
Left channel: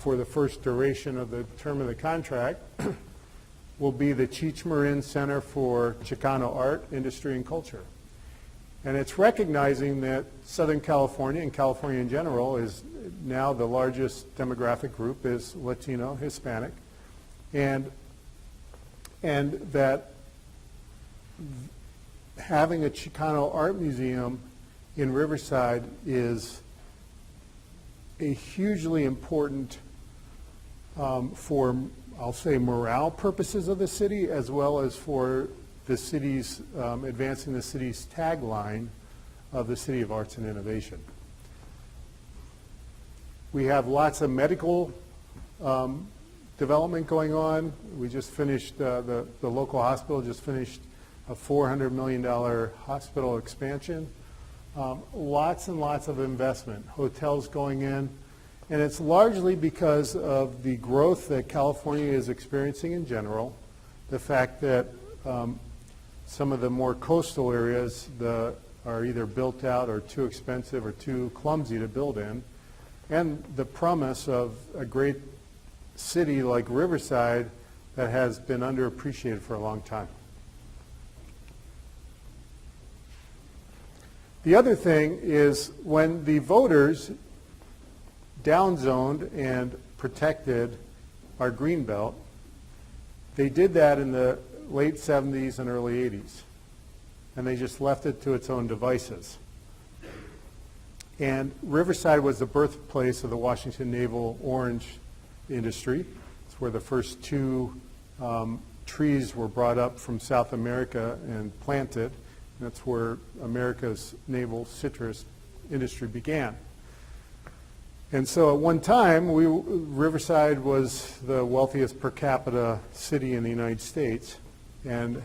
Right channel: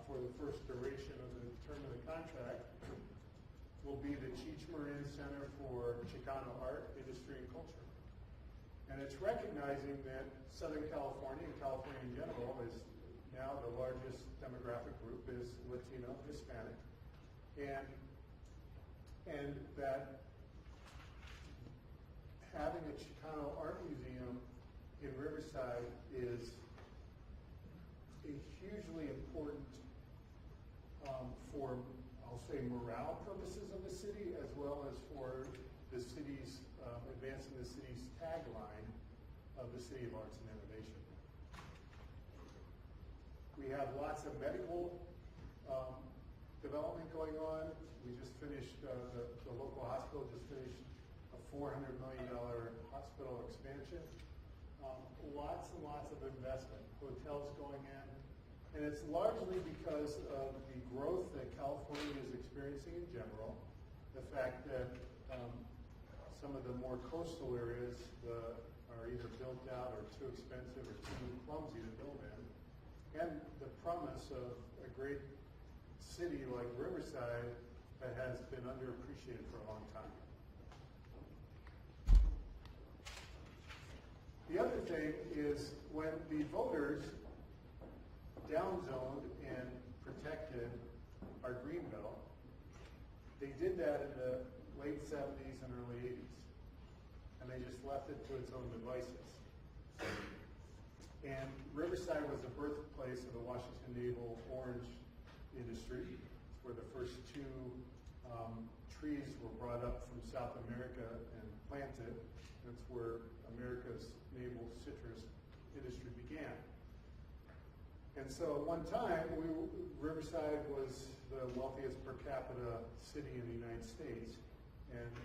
for the first duration of the term of the contract, will be the Cheech Marin Center for Chicano Art, Industry, and Culture. And it's recognizing that Southern California and California in general is now the largest demographic group is Latino, Hispanic, and that having a Chicano art museum in Riverside is a hugely important for, I'll say, morale purposes of the city, as well as for the city's, advancing the city's tagline of the City of Arts and Innovation. We have lots of medical development going on. We just finished, the local hospital just finished a $400 million hospital expansion. Lots and lots of investment, hotels going in, and it's largely because of the growth that California is experiencing in general, the fact that some of the more coastal areas are either built out or too expensive or too clumsy to build in, and the promise of a great city like Riverside that has been underappreciated for a long time. The other thing is when the voters downzoned and protected our greenbelt, they did that in the late 70s and early 80s, and they just left it to its own devices. And Riverside was the birthplace of the Washington navel orange industry. It's where the first 2 trees were brought up from South America and planted. That's where America's navel citrus industry began. And so at one time, Riverside was the wealthiest per capita city in the United States, and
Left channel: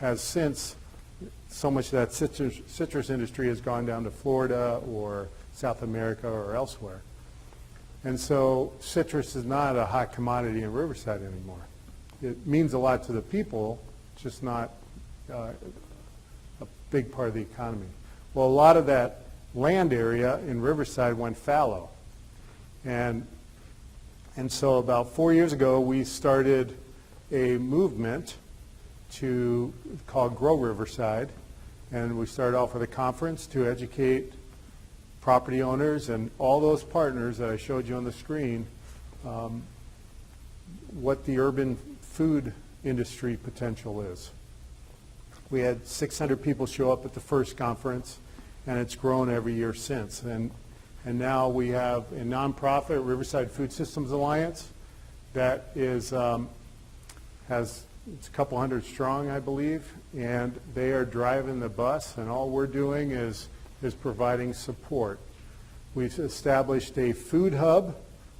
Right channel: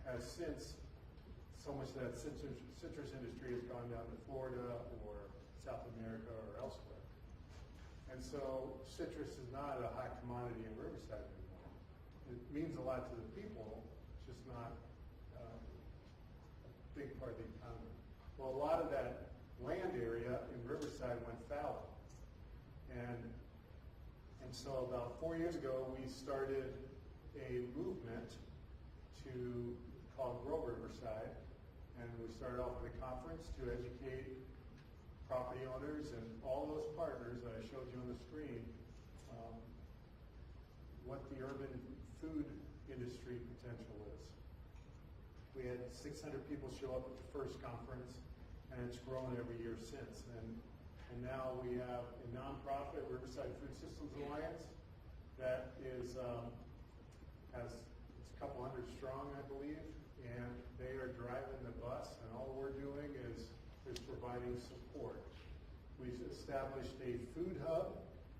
has since, so much of that citrus industry has gone down to Florida or South America or elsewhere. And so citrus is not a hot commodity in Riverside anymore. It means a lot to the people, just not a big part of the economy. Well, a lot of that land area in Riverside went fallow. And so about 4 years ago, we started a movement called Grow Riverside. And we started off with a conference to educate property owners and all those partners that I showed you on the screen what the urban food industry potential is. We had 600 people show up at the first conference, and it's grown every year since. And now we have a nonprofit, Riverside Food Systems Alliance, that is it's a couple hundred strong, I believe, and they are driving the bus, and all we're doing is providing support. We've established a food hub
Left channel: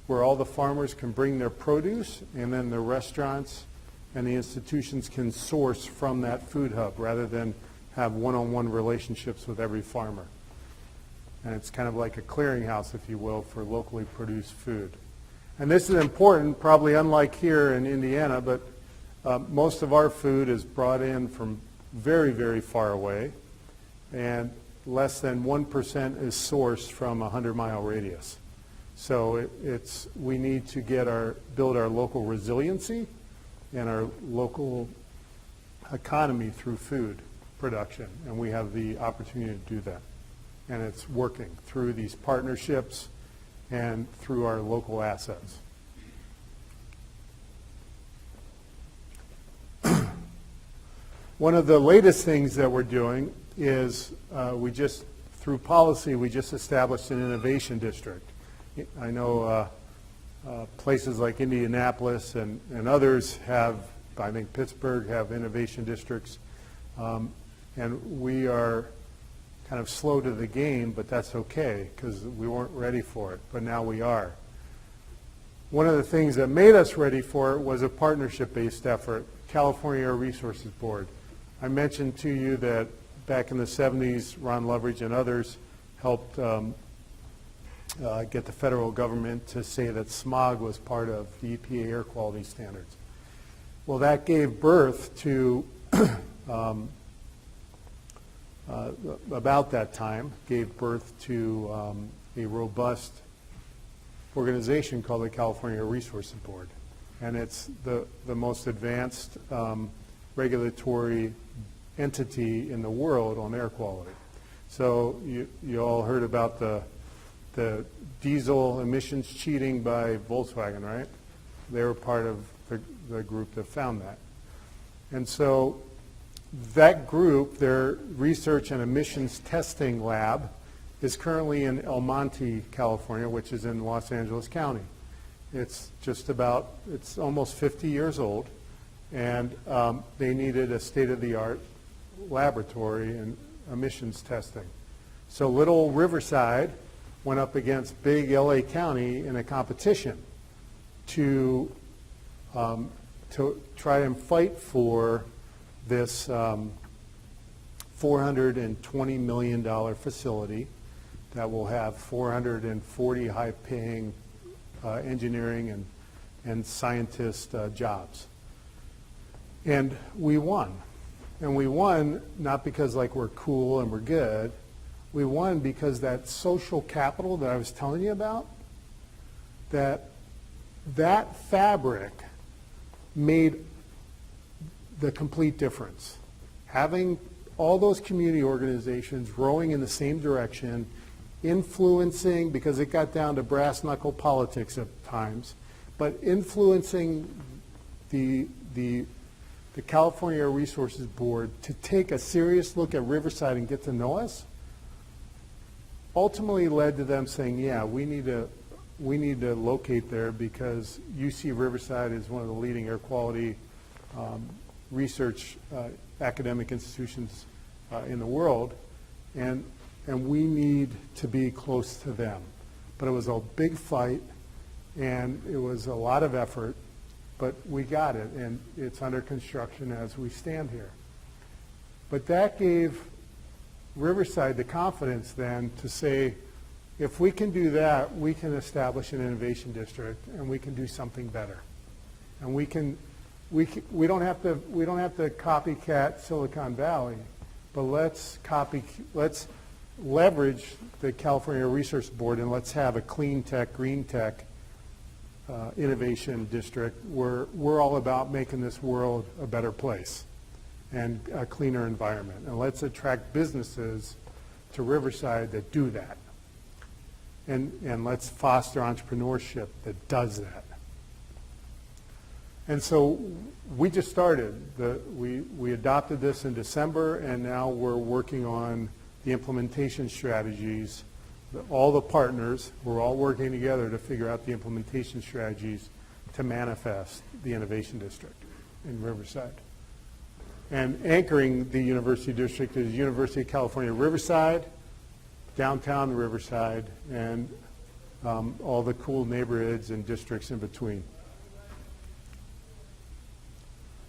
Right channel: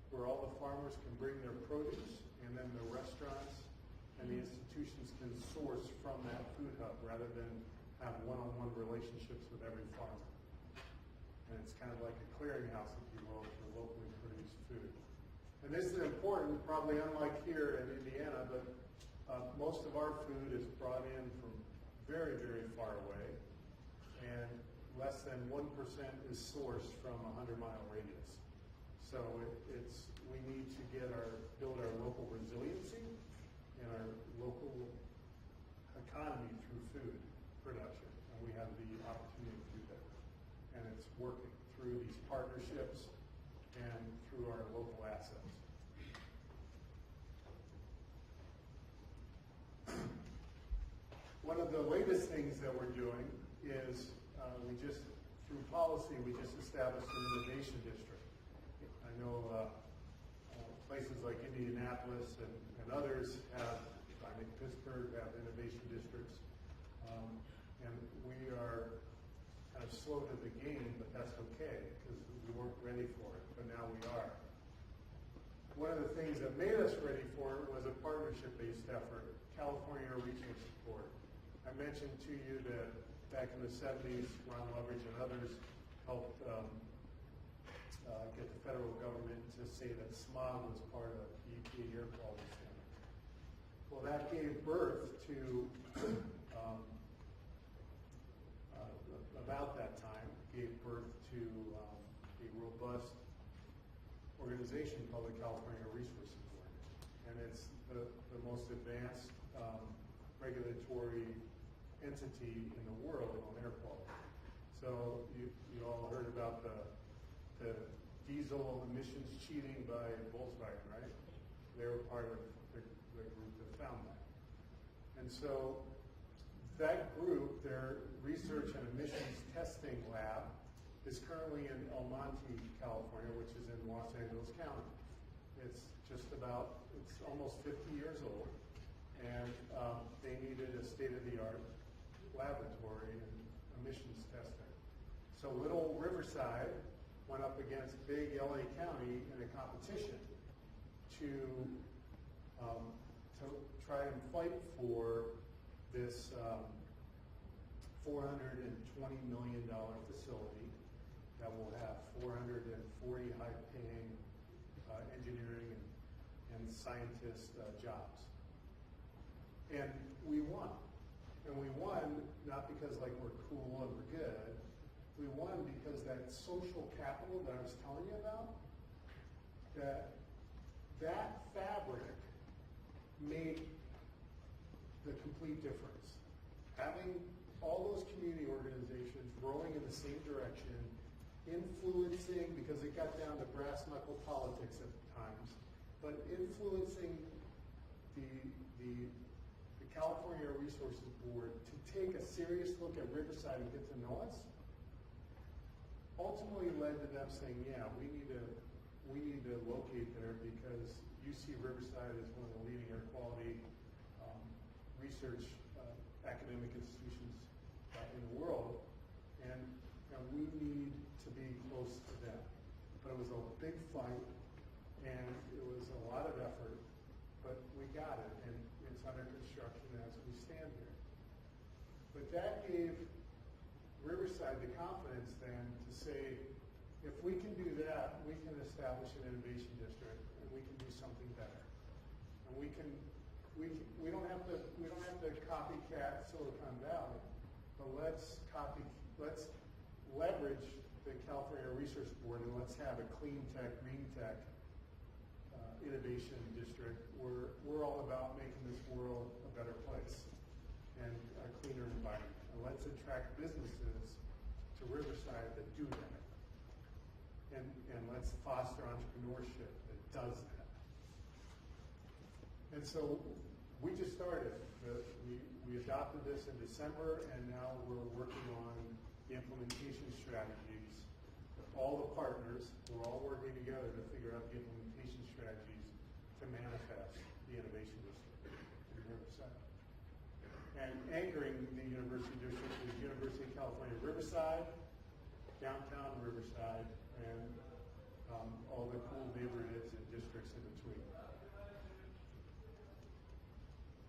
where all the farmers can bring their produce, and then the restaurants and the institutions can source from that food hub rather than have one-on-one relationships with every farmer. And it's kind of like a clearinghouse, if you will, for locally produced food. And this is important, probably unlike here in Indiana, but most of our food is brought in from very, very far away, and less than 1% is sourced from a 100-mile radius. So we need to build our local resiliency and our local economy through food production, and we have the opportunity to do that. And it's working through these partnerships and through our local assets. One of the latest things that we're doing is we just through policy, we just established an innovation district. I know places like Indianapolis and others have, I think Pittsburgh have innovation districts, and we are kind of slow to the game, but that's okay because we weren't ready for it, but now we are. One of the things that made us ready for it was a partnership-based effort, California Air Resources Board. I mentioned to you that back in the 70s, Ron Loveridge and others helped get the federal government to say that smog was part of the EPA air quality standards. Well, that gave birth to, about that time, gave birth to a robust organization called the California Air Resources Board. And it's the most advanced regulatory entity in the world on air quality. So you all heard about the diesel emissions cheating by Volkswagen, right? They were part of the group that found that. And so that group, their research and emissions testing lab, is currently in El Monte, California, which is in Los Angeles County. It's it's almost 50 years old, and they needed a state-of-the-art laboratory in emissions testing. So little Riverside went up against big LA County in a competition to try and fight for this $420 million facility that will have 440 high-paying engineering and scientist jobs. And we won. And we won not because like we're cool and we're good. We won because that social capital that I was telling you about, that fabric made the complete difference. Having all those community organizations rowing in the same direction, influencing, because it got down to brass knuckle politics at times, but influencing the California Air Resources Board to take a serious look at Riverside and get to know us, ultimately led to them saying, yeah, we need to locate there because UC Riverside is one of the leading air quality research academic institutions in the world, and we need to be close to them. But it was a big fight, and it was a lot of effort, but we got it, and it's under construction as we stand here. But that gave Riverside the confidence then to say, if we can do that, we can establish an innovation district, and we can do something better. And we don't have to copycat Silicon Valley, but let's leverage the California Research Board, and let's have a clean tech, green tech innovation district where we're all about making this world a better place and a cleaner environment. And let's attract businesses to Riverside that do that. And let's foster entrepreneurship that does that. And so we just started. We adopted this in December, and now we're working on the implementation strategies. All the partners, we're all working together to figure out the implementation strategies to manifest the innovation district in Riverside. And anchoring the university district is University of California, Riverside, downtown Riverside, and all the cool neighborhoods and districts in between.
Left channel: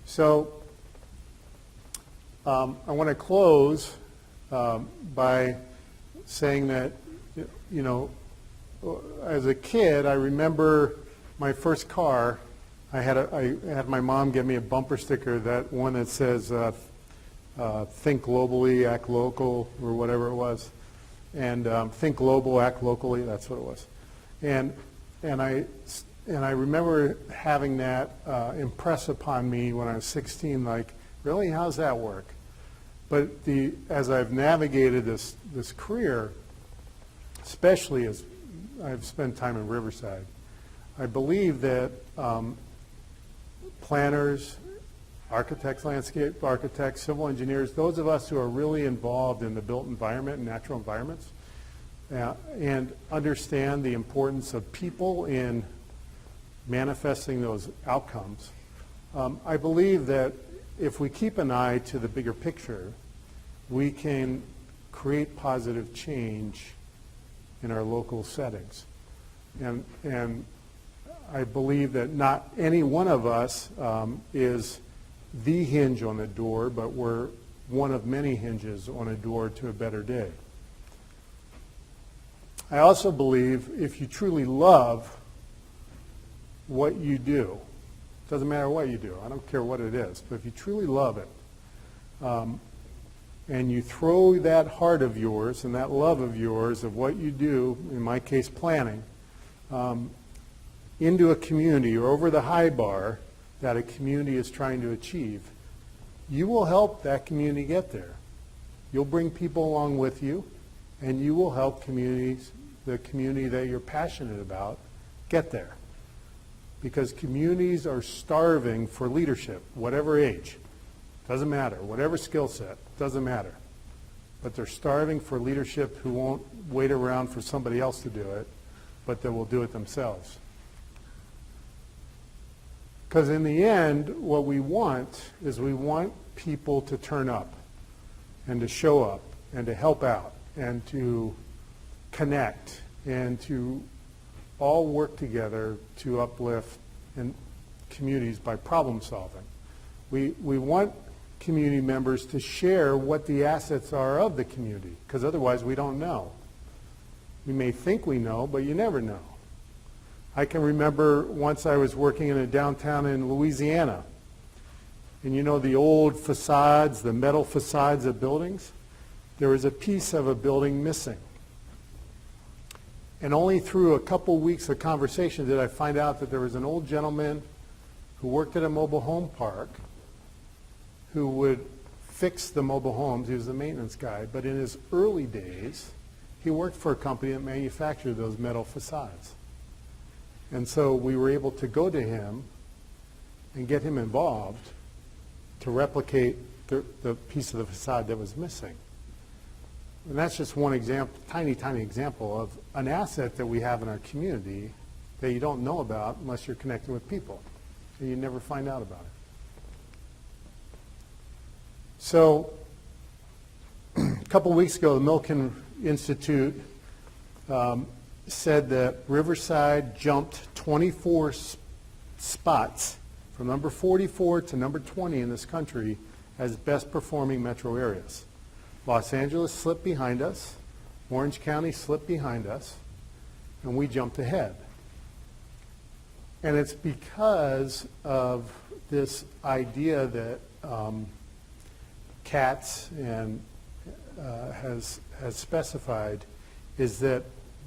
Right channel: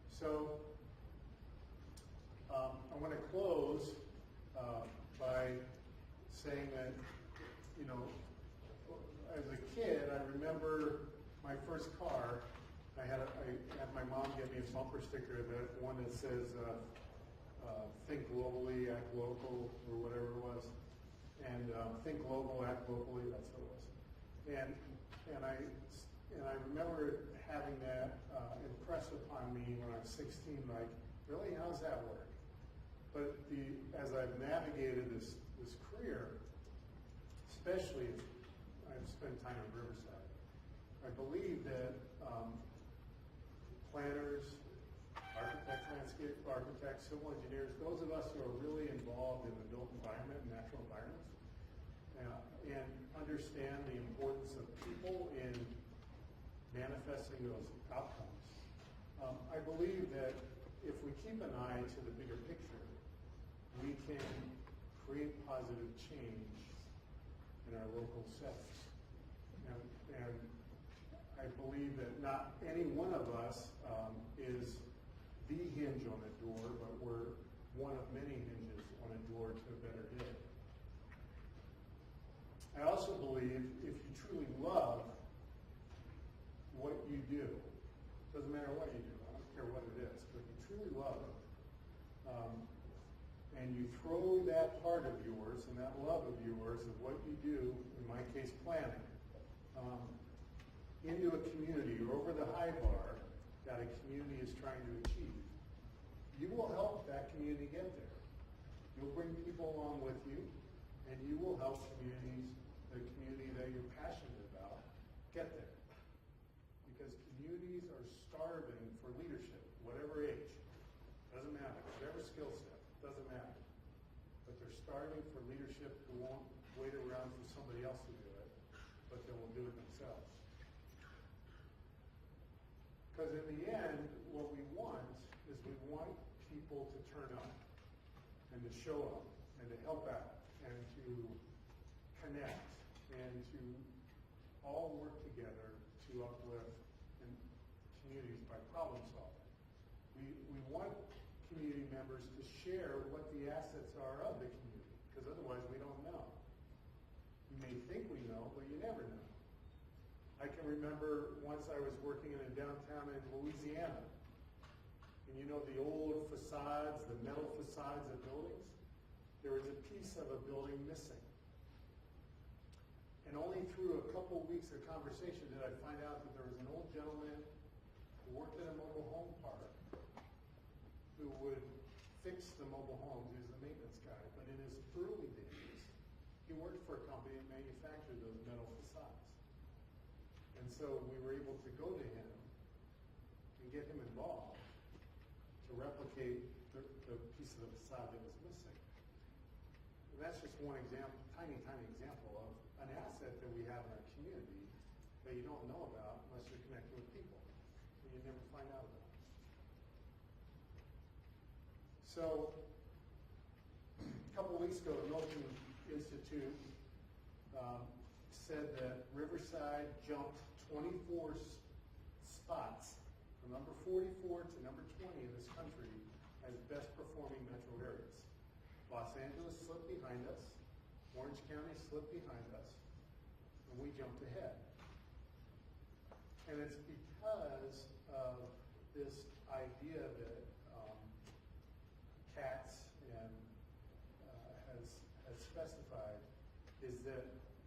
So I want to close by saying that, you know, as a kid, I remember my first car. I had my mom give me a bumper sticker, that one that says think globally, act local, or whatever it was. And think global, act locally, that's what it was. And I remember having that impress upon me when I was 16, like, really, how's that work? But as I've navigated this career, especially as I've spent time in Riverside, I believe that planners, architects, landscape architects, civil engineers, those of us who are really involved in the built environment and natural environments, and understand the importance of people in manifesting those outcomes. I believe that if we keep an eye to the bigger picture, we can create positive change in our local settings. And I believe that not any one of us is the hinge on the door, but we're one of many hinges on a door to a better day. I also believe if you truly love what you do, doesn't matter what you do, I don't care what it is, but if you truly love it, and you throw that heart of yours and that love of yours of what you do, in my case planning, into a community or over the high bar that a community is trying to achieve, you will help that community get there. You'll bring people along with you, and you will help communities, the community that you're passionate about, get there. Because communities are starving for leadership, whatever age, doesn't matter, whatever skill set, doesn't matter. But they're starving for leadership who won't wait around for somebody else to do it, but that will do it themselves. Because in the end, what we want is we want people to turn up and to show up and to help out and to connect and to all work together to uplift in communities by problem solving. We want community members to share what the assets are of the community, because otherwise we don't know. We may think we know, but you never know. I can remember once I was working in a downtown in Louisiana, and you know the old facades, the metal facades of buildings? There was a piece of a building missing. And only through a couple weeks of conversation did I find out that there was an old gentleman who worked at a mobile home park who would fix the mobile homes. He was the maintenance guy. But in his early days, he worked for a company that manufactured those metal facades. And so we were able to go to him and get him involved to replicate the piece of the facade that was missing. And that's just one example, tiny, tiny example of an asset that we have in our community that you don't know about unless you're connected with people. And you never find out about it. So a couple weeks ago, the Milken Institute said that Riverside jumped 24 spots from number 44 to number 20 in this country as best performing metro areas. Los Angeles slipped behind us, Orange County slipped behind us, and we jumped ahead. And it's because of this idea that CATS and has specified, is that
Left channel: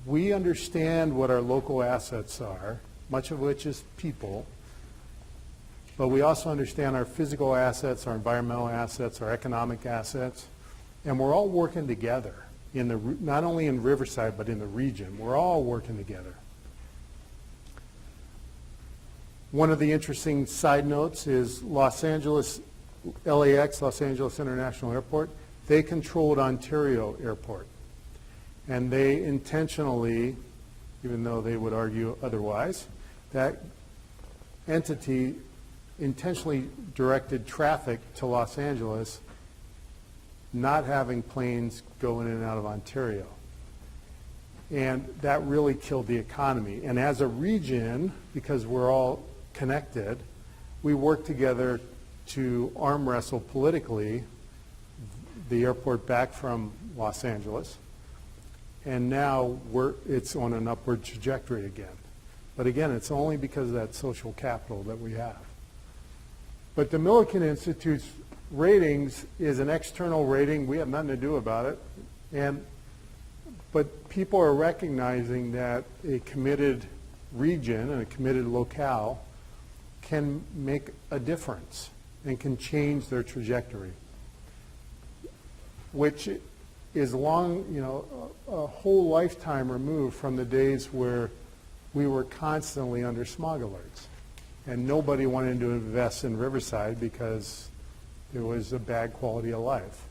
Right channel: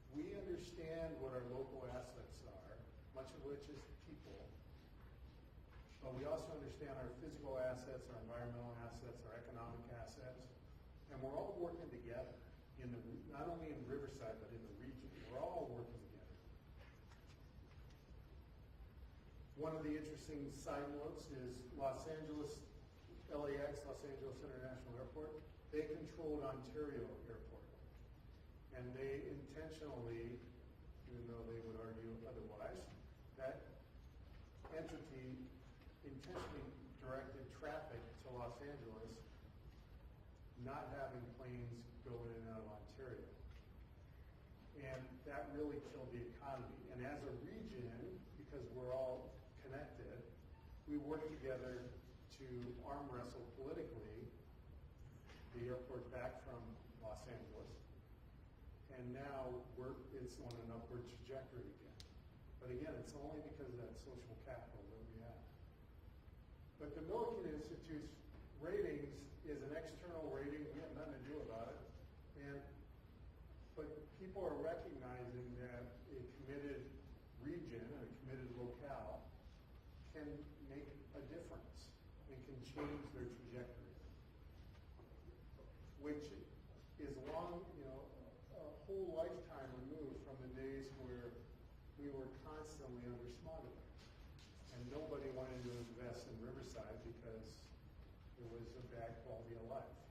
we understand what our local assets are, much of which is people, but we also understand our physical assets, our environmental assets, our economic assets, and we're all working together, not only in Riverside, but in the region. We're all working together. One of the interesting side notes is Los Angeles, LAX, Los Angeles International Airport, they controlled Ontario Airport. And they intentionally, even though they would argue otherwise, that entity intentionally directed traffic to Los Angeles, not having planes go in and out of Ontario. And that really killed the economy. And as a region, because we're all connected, we work together to arm wrestle politically the airport back from Los Angeles. And now it's on an upward trajectory again. But again, it's only because of that social capital that we have. But the Milken Institute's ratings is an external rating. We have nothing to do about it. But people are recognizing that a committed region and a committed locale can make a difference and can change their trajectory, which is long, a whole lifetime removed from the days where we were constantly under smog alerts and nobody wanted to invest in Riverside because it was a bad quality of life.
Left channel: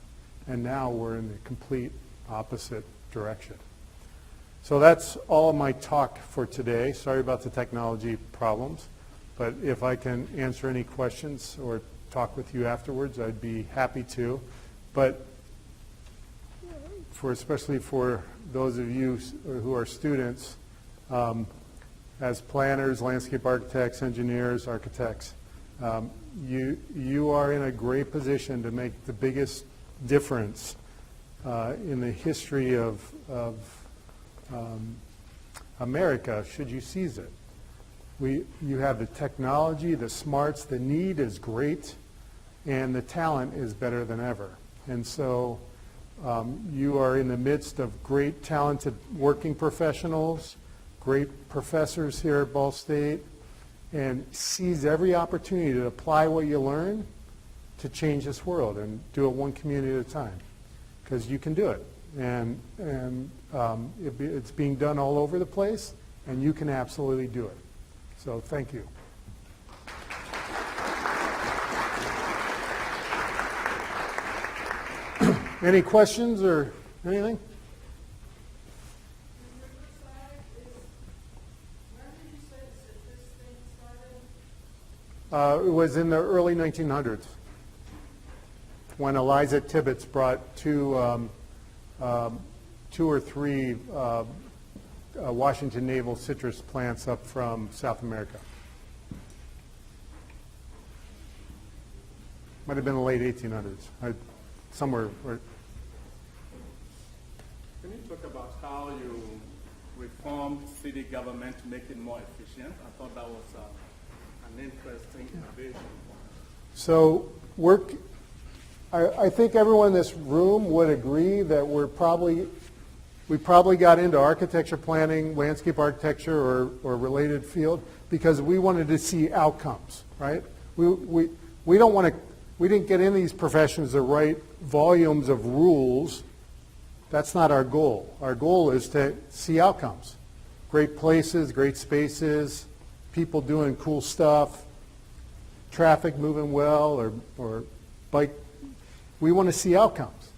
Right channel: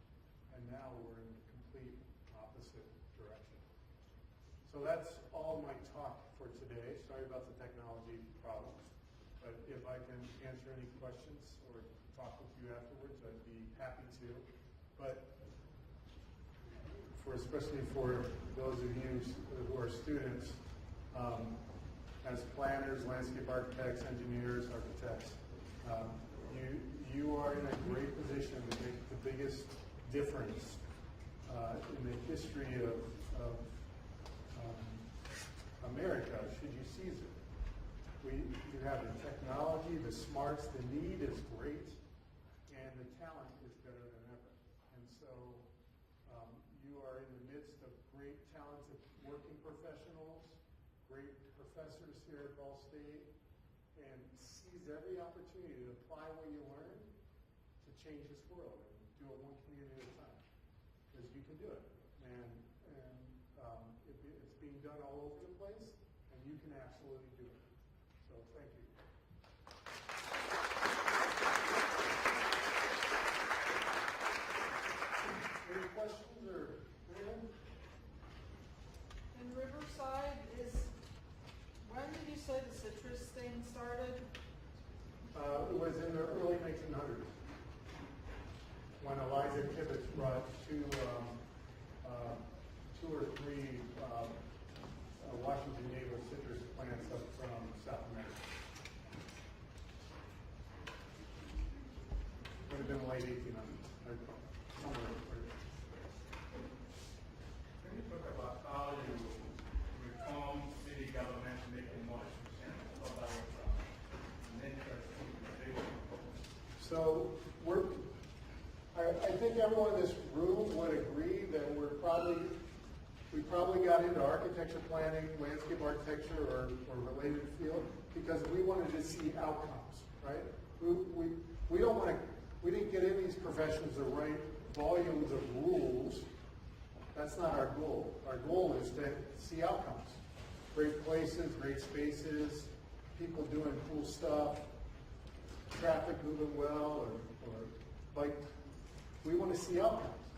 And now we're in the complete opposite direction. So that's all of my talk for today. Sorry about the technology problems, but if I can answer any questions or talk with you afterwards, I'd be happy to. But especially for those of you who are students, as planners, landscape architects, engineers, architects, you are in a great position to make the biggest difference in the history of America, should you seize it. You have the technology, the smarts, the need is great, and the talent is better than ever. And so you are in the midst of great, talented working professionals, great professors here at Ball State, and seize every opportunity to apply what you learn to change this world and do it one community at a time, because you can do it. And it's being done all over the place, and you can absolutely do it. So thank you. Any questions or anything? Riverside is, when did you say the citrus thing started? It was in the early 1900s when Eliza Tibbets brought two or three Washington navel citrus plants up from South America. Might have been the late 1800s, somewhere. Can you talk about how you reform city government to make it more efficient? I thought that was an interesting vision. So I think everyone in this room would agree that we probably got into architecture planning, landscape architecture, or related field because we wanted to see outcomes, right? We didn't get in these professions to write volumes of rules. That's not our goal. Our goal is to see outcomes. Great places, great spaces, people doing cool stuff, traffic moving well, or bike. We want to see outcomes.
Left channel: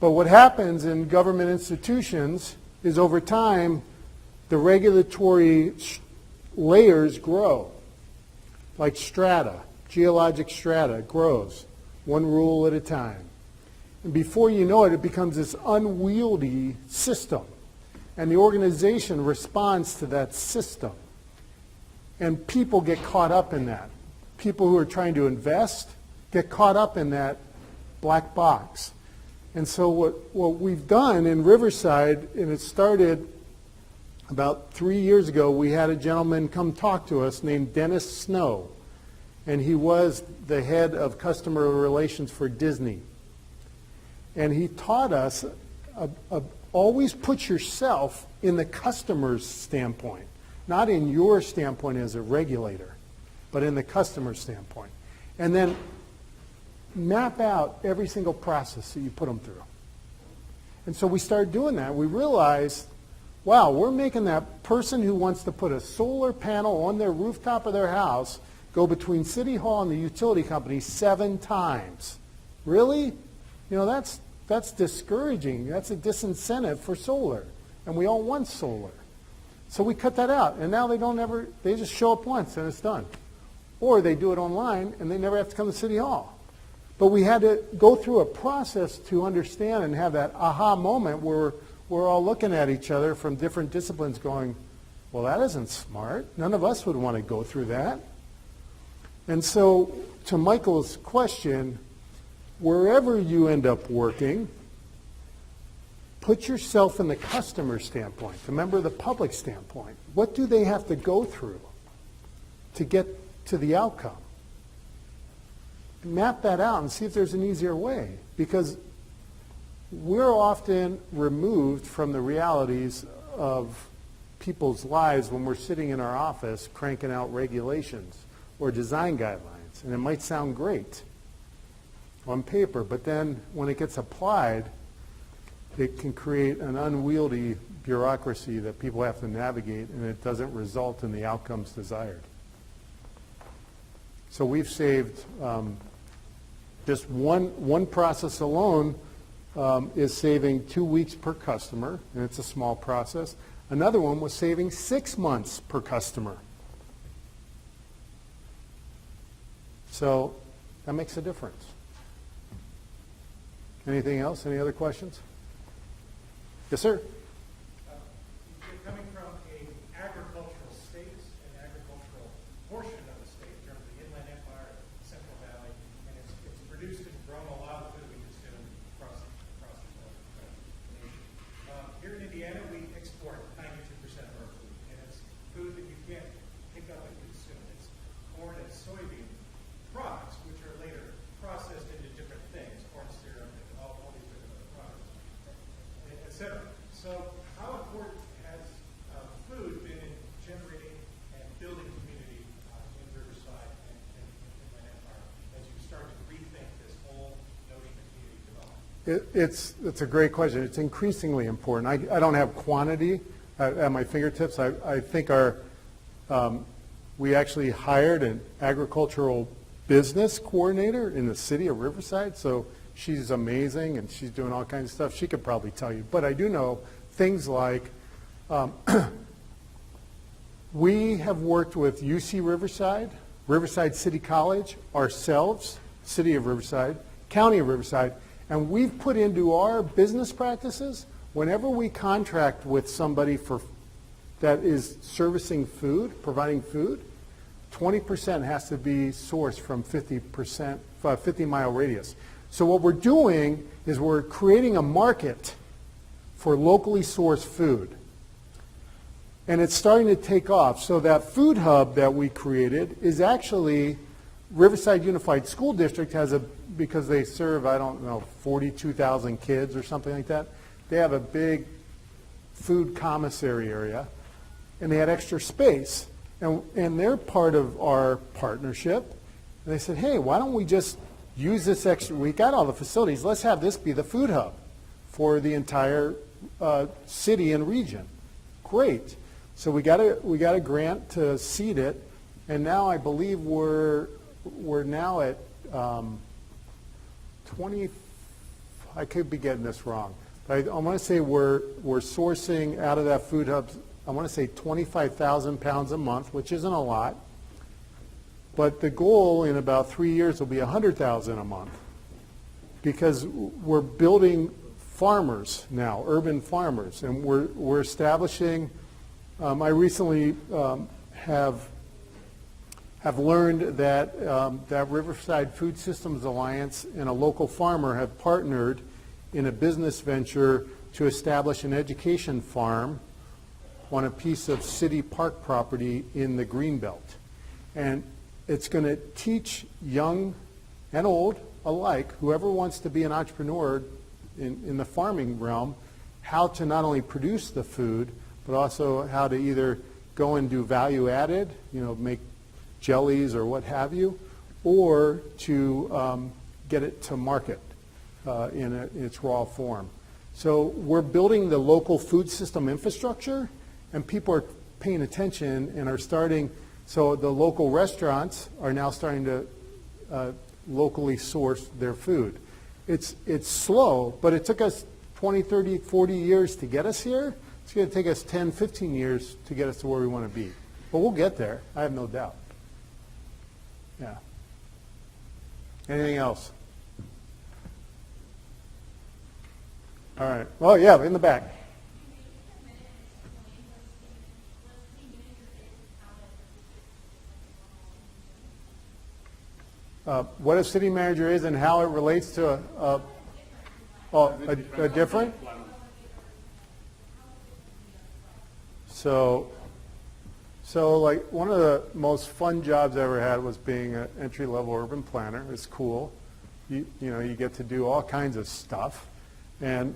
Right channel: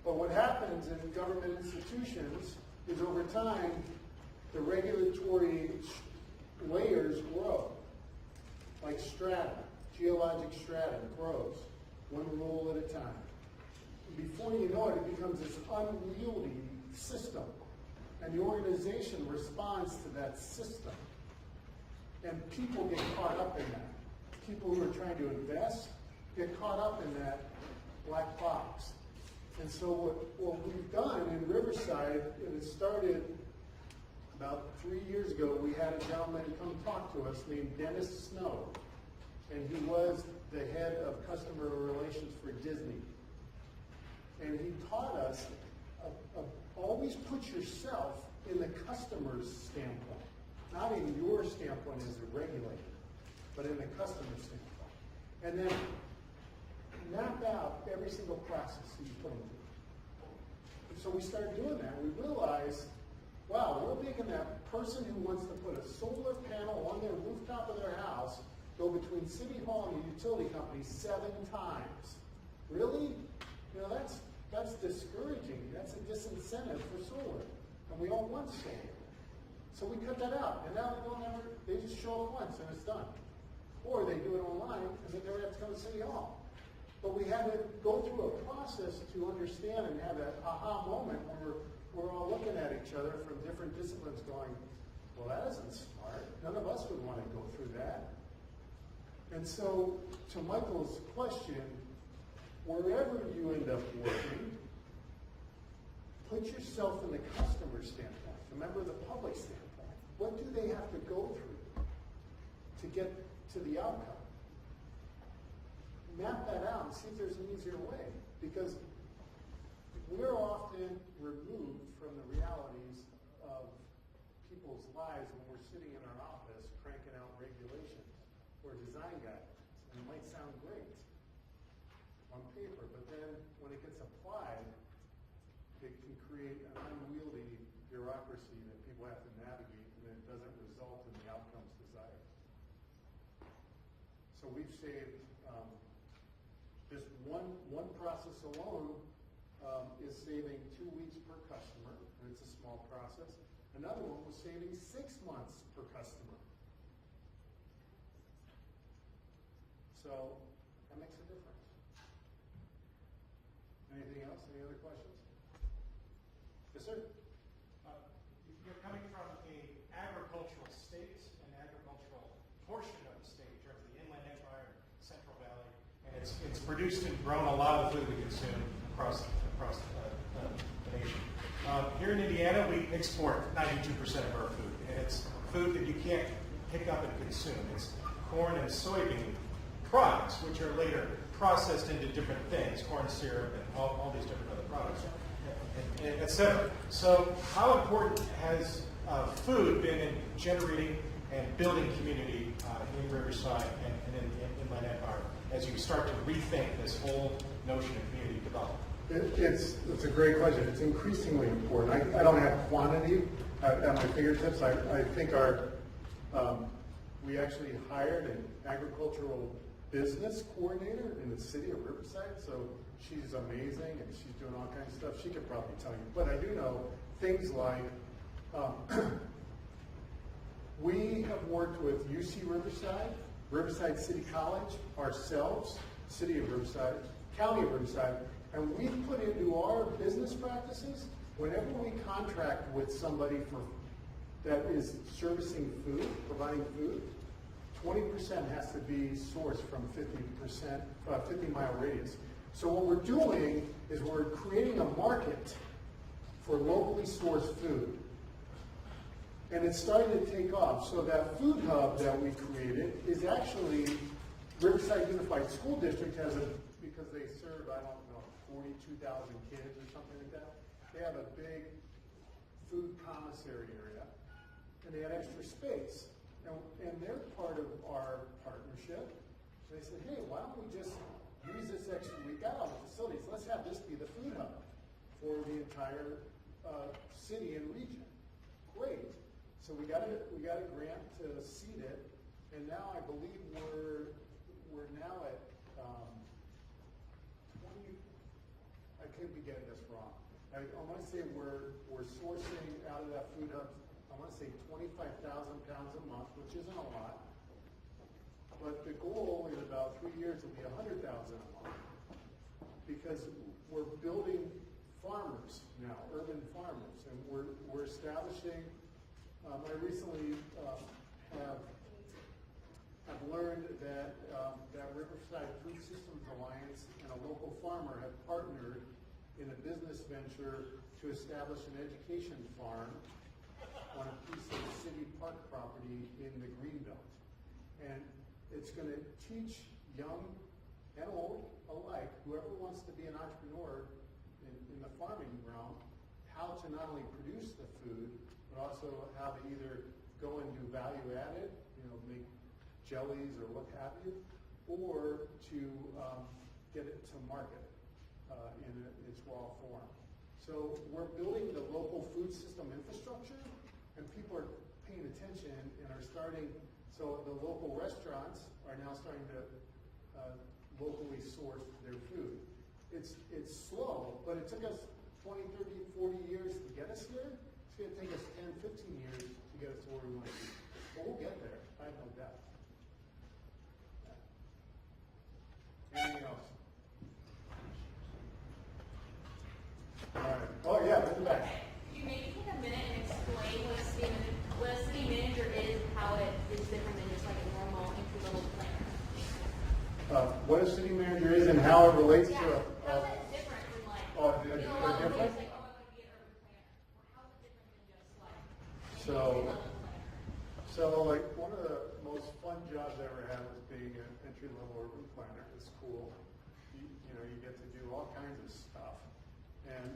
But what happens in government institutions is over time, the regulatory layers grow, like strata. Geologic strata grows, one rule at a time. And before you know it, it becomes this unwieldy system. And the organization responds to that system. And people get caught up in that. People who are trying to invest get caught up in that black box. And so what we've done in Riverside, and it started about 3 years ago, we had a gentleman come talk to us named Dennis Snow. And he was the head of customer relations for Disney. And he taught us, always put yourself in the customer's standpoint, not in your standpoint as a regulator, but in the customer's standpoint. And then map out every single process that you put them through. And so we started doing that. We realized, wow, we're making that person who wants to put a solar panel on their rooftop of their house go between City Hall and the utility company 7 times. Really? You know, that's discouraging. That's a disincentive for solar. And we all want solar. So we cut that out. And now they just show up once and it's done. Or they do it online and they never have to come to City Hall. But we had to go through a process to understand and have that aha moment where we're all looking at each other from different disciplines going, well, that isn't smart. None of us would want to go through that. And so to Michael's question, wherever you end up working, put yourself in the customer standpoint, the member of the public standpoint. What do they have to go through to get to the outcome? Map that out and see if there's an easier way, because we're often removed from the realities of people's lives when we're sitting in our office cranking out regulations or design guidelines. And it might sound great on paper, but then when it gets applied, it can create an unwieldy bureaucracy that people have to navigate, and it doesn't result in the outcomes desired. So we've saved, just one process alone is saving 2 weeks per customer, and it's a small process. Another one was saving 6 months per customer. So that makes a difference. Anything else? Any other questions? Yes, sir. You're coming from an agricultural state, an agricultural portion of the state, here the Inland Empire, Central Valley, and it's produced and grown a lot of the food we consume across the nation. Here in Indiana, we export 92% of our food, and it's food that you can't pick up and consume. It's corn and soybean products, which are later processed into different things, corn syrup and all these different other products, et cetera. So how important has food been in generating and building community in Riverside and in Inland Empire as you start to rethink this whole notion of community development? It's a great question. It's increasingly important. I don't have quantity at my fingertips. I think we actually hired an agricultural business coordinator in the city of Riverside, so she's amazing and she's doing all kinds of stuff. She could probably tell you. But I do know things like we have worked with UC Riverside, Riverside City College, ourselves, City of Riverside, County of Riverside, and we've put into our business practices, whenever we contract with somebody that is servicing food, providing food, 20% has to be sourced from 50-mile radius. So what we're doing is we're creating a market for locally sourced food. And it's starting to take off. So that food hub that we created is actually Riverside Unified School District because they serve, 42,000 kids or something like that. They have a big food commissary area, and they had extra space. And they're part of our partnership. And they said, hey, why don't we just use this extra, we got all the facilities, let's have this be the food hub for the entire city and region. Great. So we got a grant to seed it, and now I believe we're now at 20, I could be getting this wrong, but I want to say we're sourcing out of that food hub, I want to say 25,000 pounds a month, which isn't a lot. But the goal in about 3 years will be 100,000 a month, because we're building farmers now, urban farmers, and we're establishing. I recently have learned that that Riverside Food Systems Alliance and a local farmer have partnered in a business venture to establish an education farm on a piece of city park property in the Greenbelt. And it's going to teach young and old alike, whoever wants to be an entrepreneur in the farming realm, how to not only produce the food, but also how to either go and do value added, make jellies or what have you, or to get it to market in its raw form. So we're building the local food system infrastructure, and people are paying attention and are starting. So the local restaurants are now starting to locally source their food. It's slow, but it took us 20, 30, 40 years to get us here. It's going to take us 10, 15 years to get us to where we want to be. But we'll get there, I have no doubt. Yeah. Anything else? All right. Oh, yeah, in the back. Could you maybe take a minute and explain what a city manager is and how it is different than just like a normal entry-level planner? What a city manager is and how it relates to a different? So like one of the most fun jobs I ever had was being an entry-level urban planner. It's cool. You get to do all kinds of stuff. And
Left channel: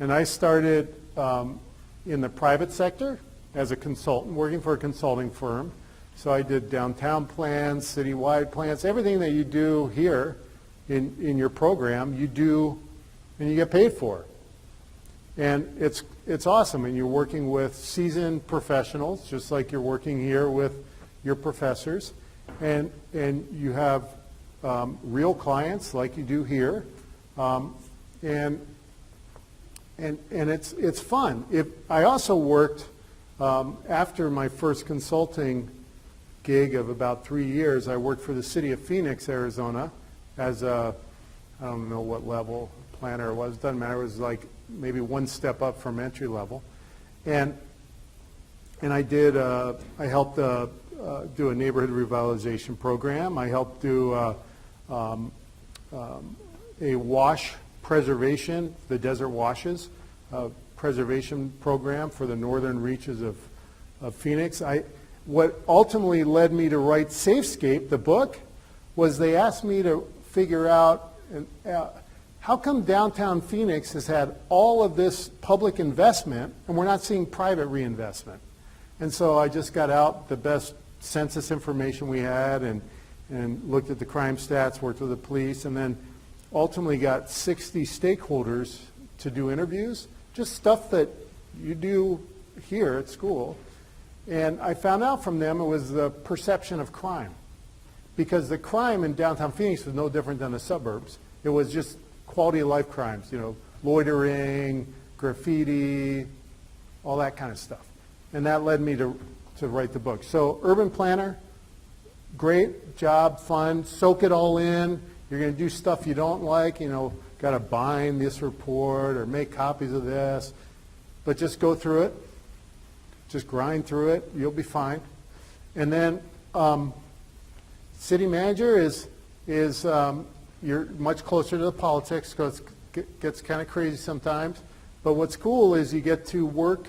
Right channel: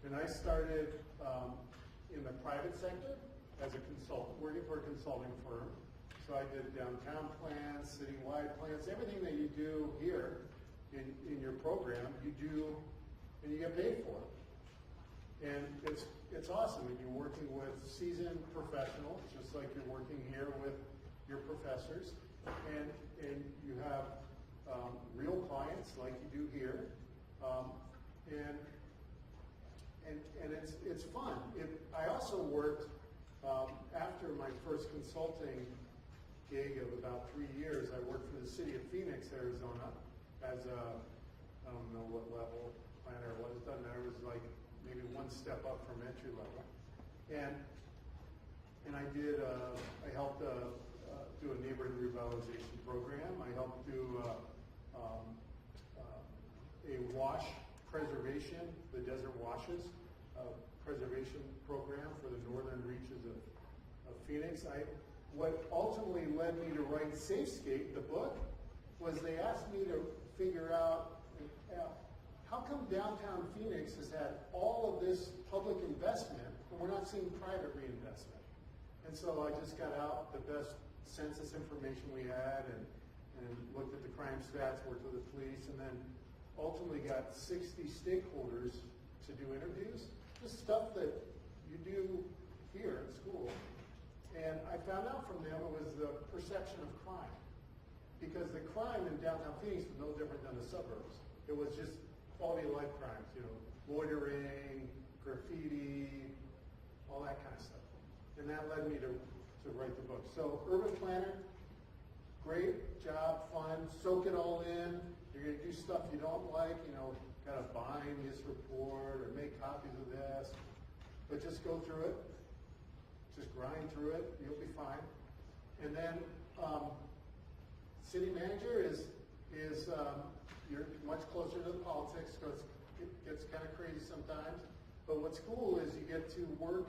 I started in the private sector as a consultant, working for a consulting firm. So I did downtown plans, citywide plans, everything that you do here in your program, you do and you get paid for. And it's awesome, and you're working with seasoned professionals, just like you're working here with your professors, and you have real clients like you do here, and it's fun. I also worked after my first consulting gig of about 3 years. I worked for the city of Phoenix, Arizona, as a, I don't know what level planner it was. Doesn't matter. It was like maybe one step up from entry level, and I did. I helped do a neighborhood revitalization program. I helped do a wash preservation, the desert washes, preservation program for the northern reaches of Phoenix. What ultimately led me to write SafeScape, the book, was they asked me to figure out how come downtown Phoenix has had all of this public investment and we're not seeing private reinvestment. And so I just got out the best census information we had and looked at the crime stats, worked with the police, and then ultimately got 60 stakeholders to do interviews, just stuff that you do here at school. And I found out from them it was the perception of crime. Because the crime in downtown Phoenix was no different than the suburbs. It was just quality of life crimes, loitering, graffiti, all that kind of stuff. And that led me to write the book. So urban planner, great job, fun, soak it all in. You're going to do stuff you don't like, got to bind this report or make copies of this. But just go through it. Just grind through it. You'll be fine. And then city manager is you're much closer to the politics because it gets kind of crazy sometimes. But what's cool is you get to work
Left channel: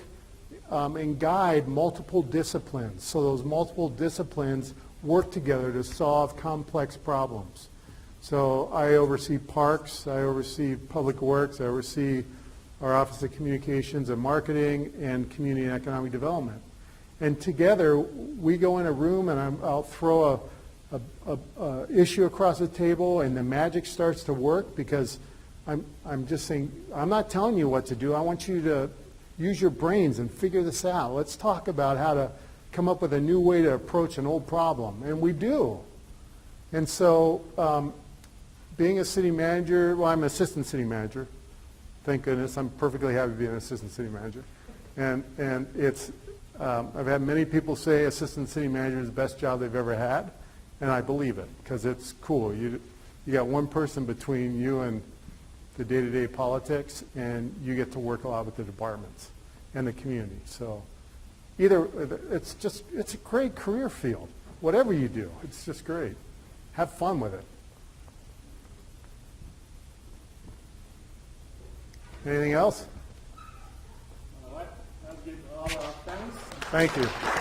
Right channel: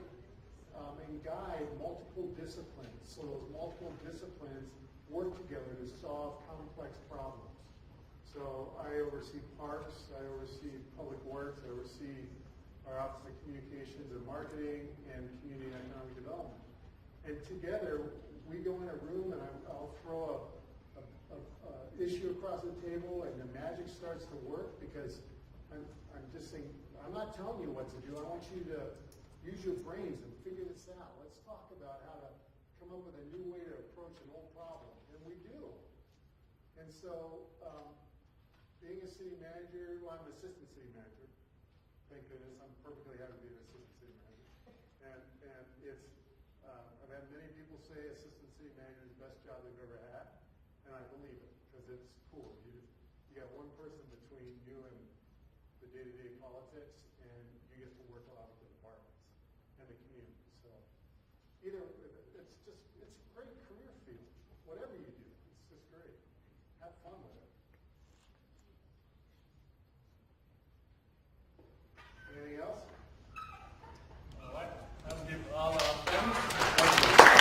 and guide multiple disciplines. So those multiple disciplines work together to solve complex problems. So I oversee parks, I oversee public works, I oversee our Office of Communications and Marketing and Community and Economic Development. And together we go in a room and I'll throw a issue across the table and the magic starts to work because I'm just saying, I'm not telling you what to do. I want you to use your brains and figure this out. Let's talk about how to come up with a new way to approach an old problem. And we do. And so being a city manager, well, I'm an assistant city manager. Thank goodness. I'm perfectly happy being an assistant city manager. And it's, I've had many people say assistant city manager is the best job they've ever had. And I believe it because it's cool. You got one person between you and the day-to-day politics, and you get to work a lot with the departments and the community. So it's a great career field. Whatever you do, it's just great. Have fun with it. Anything else? I'll give all our thanks. Thank you.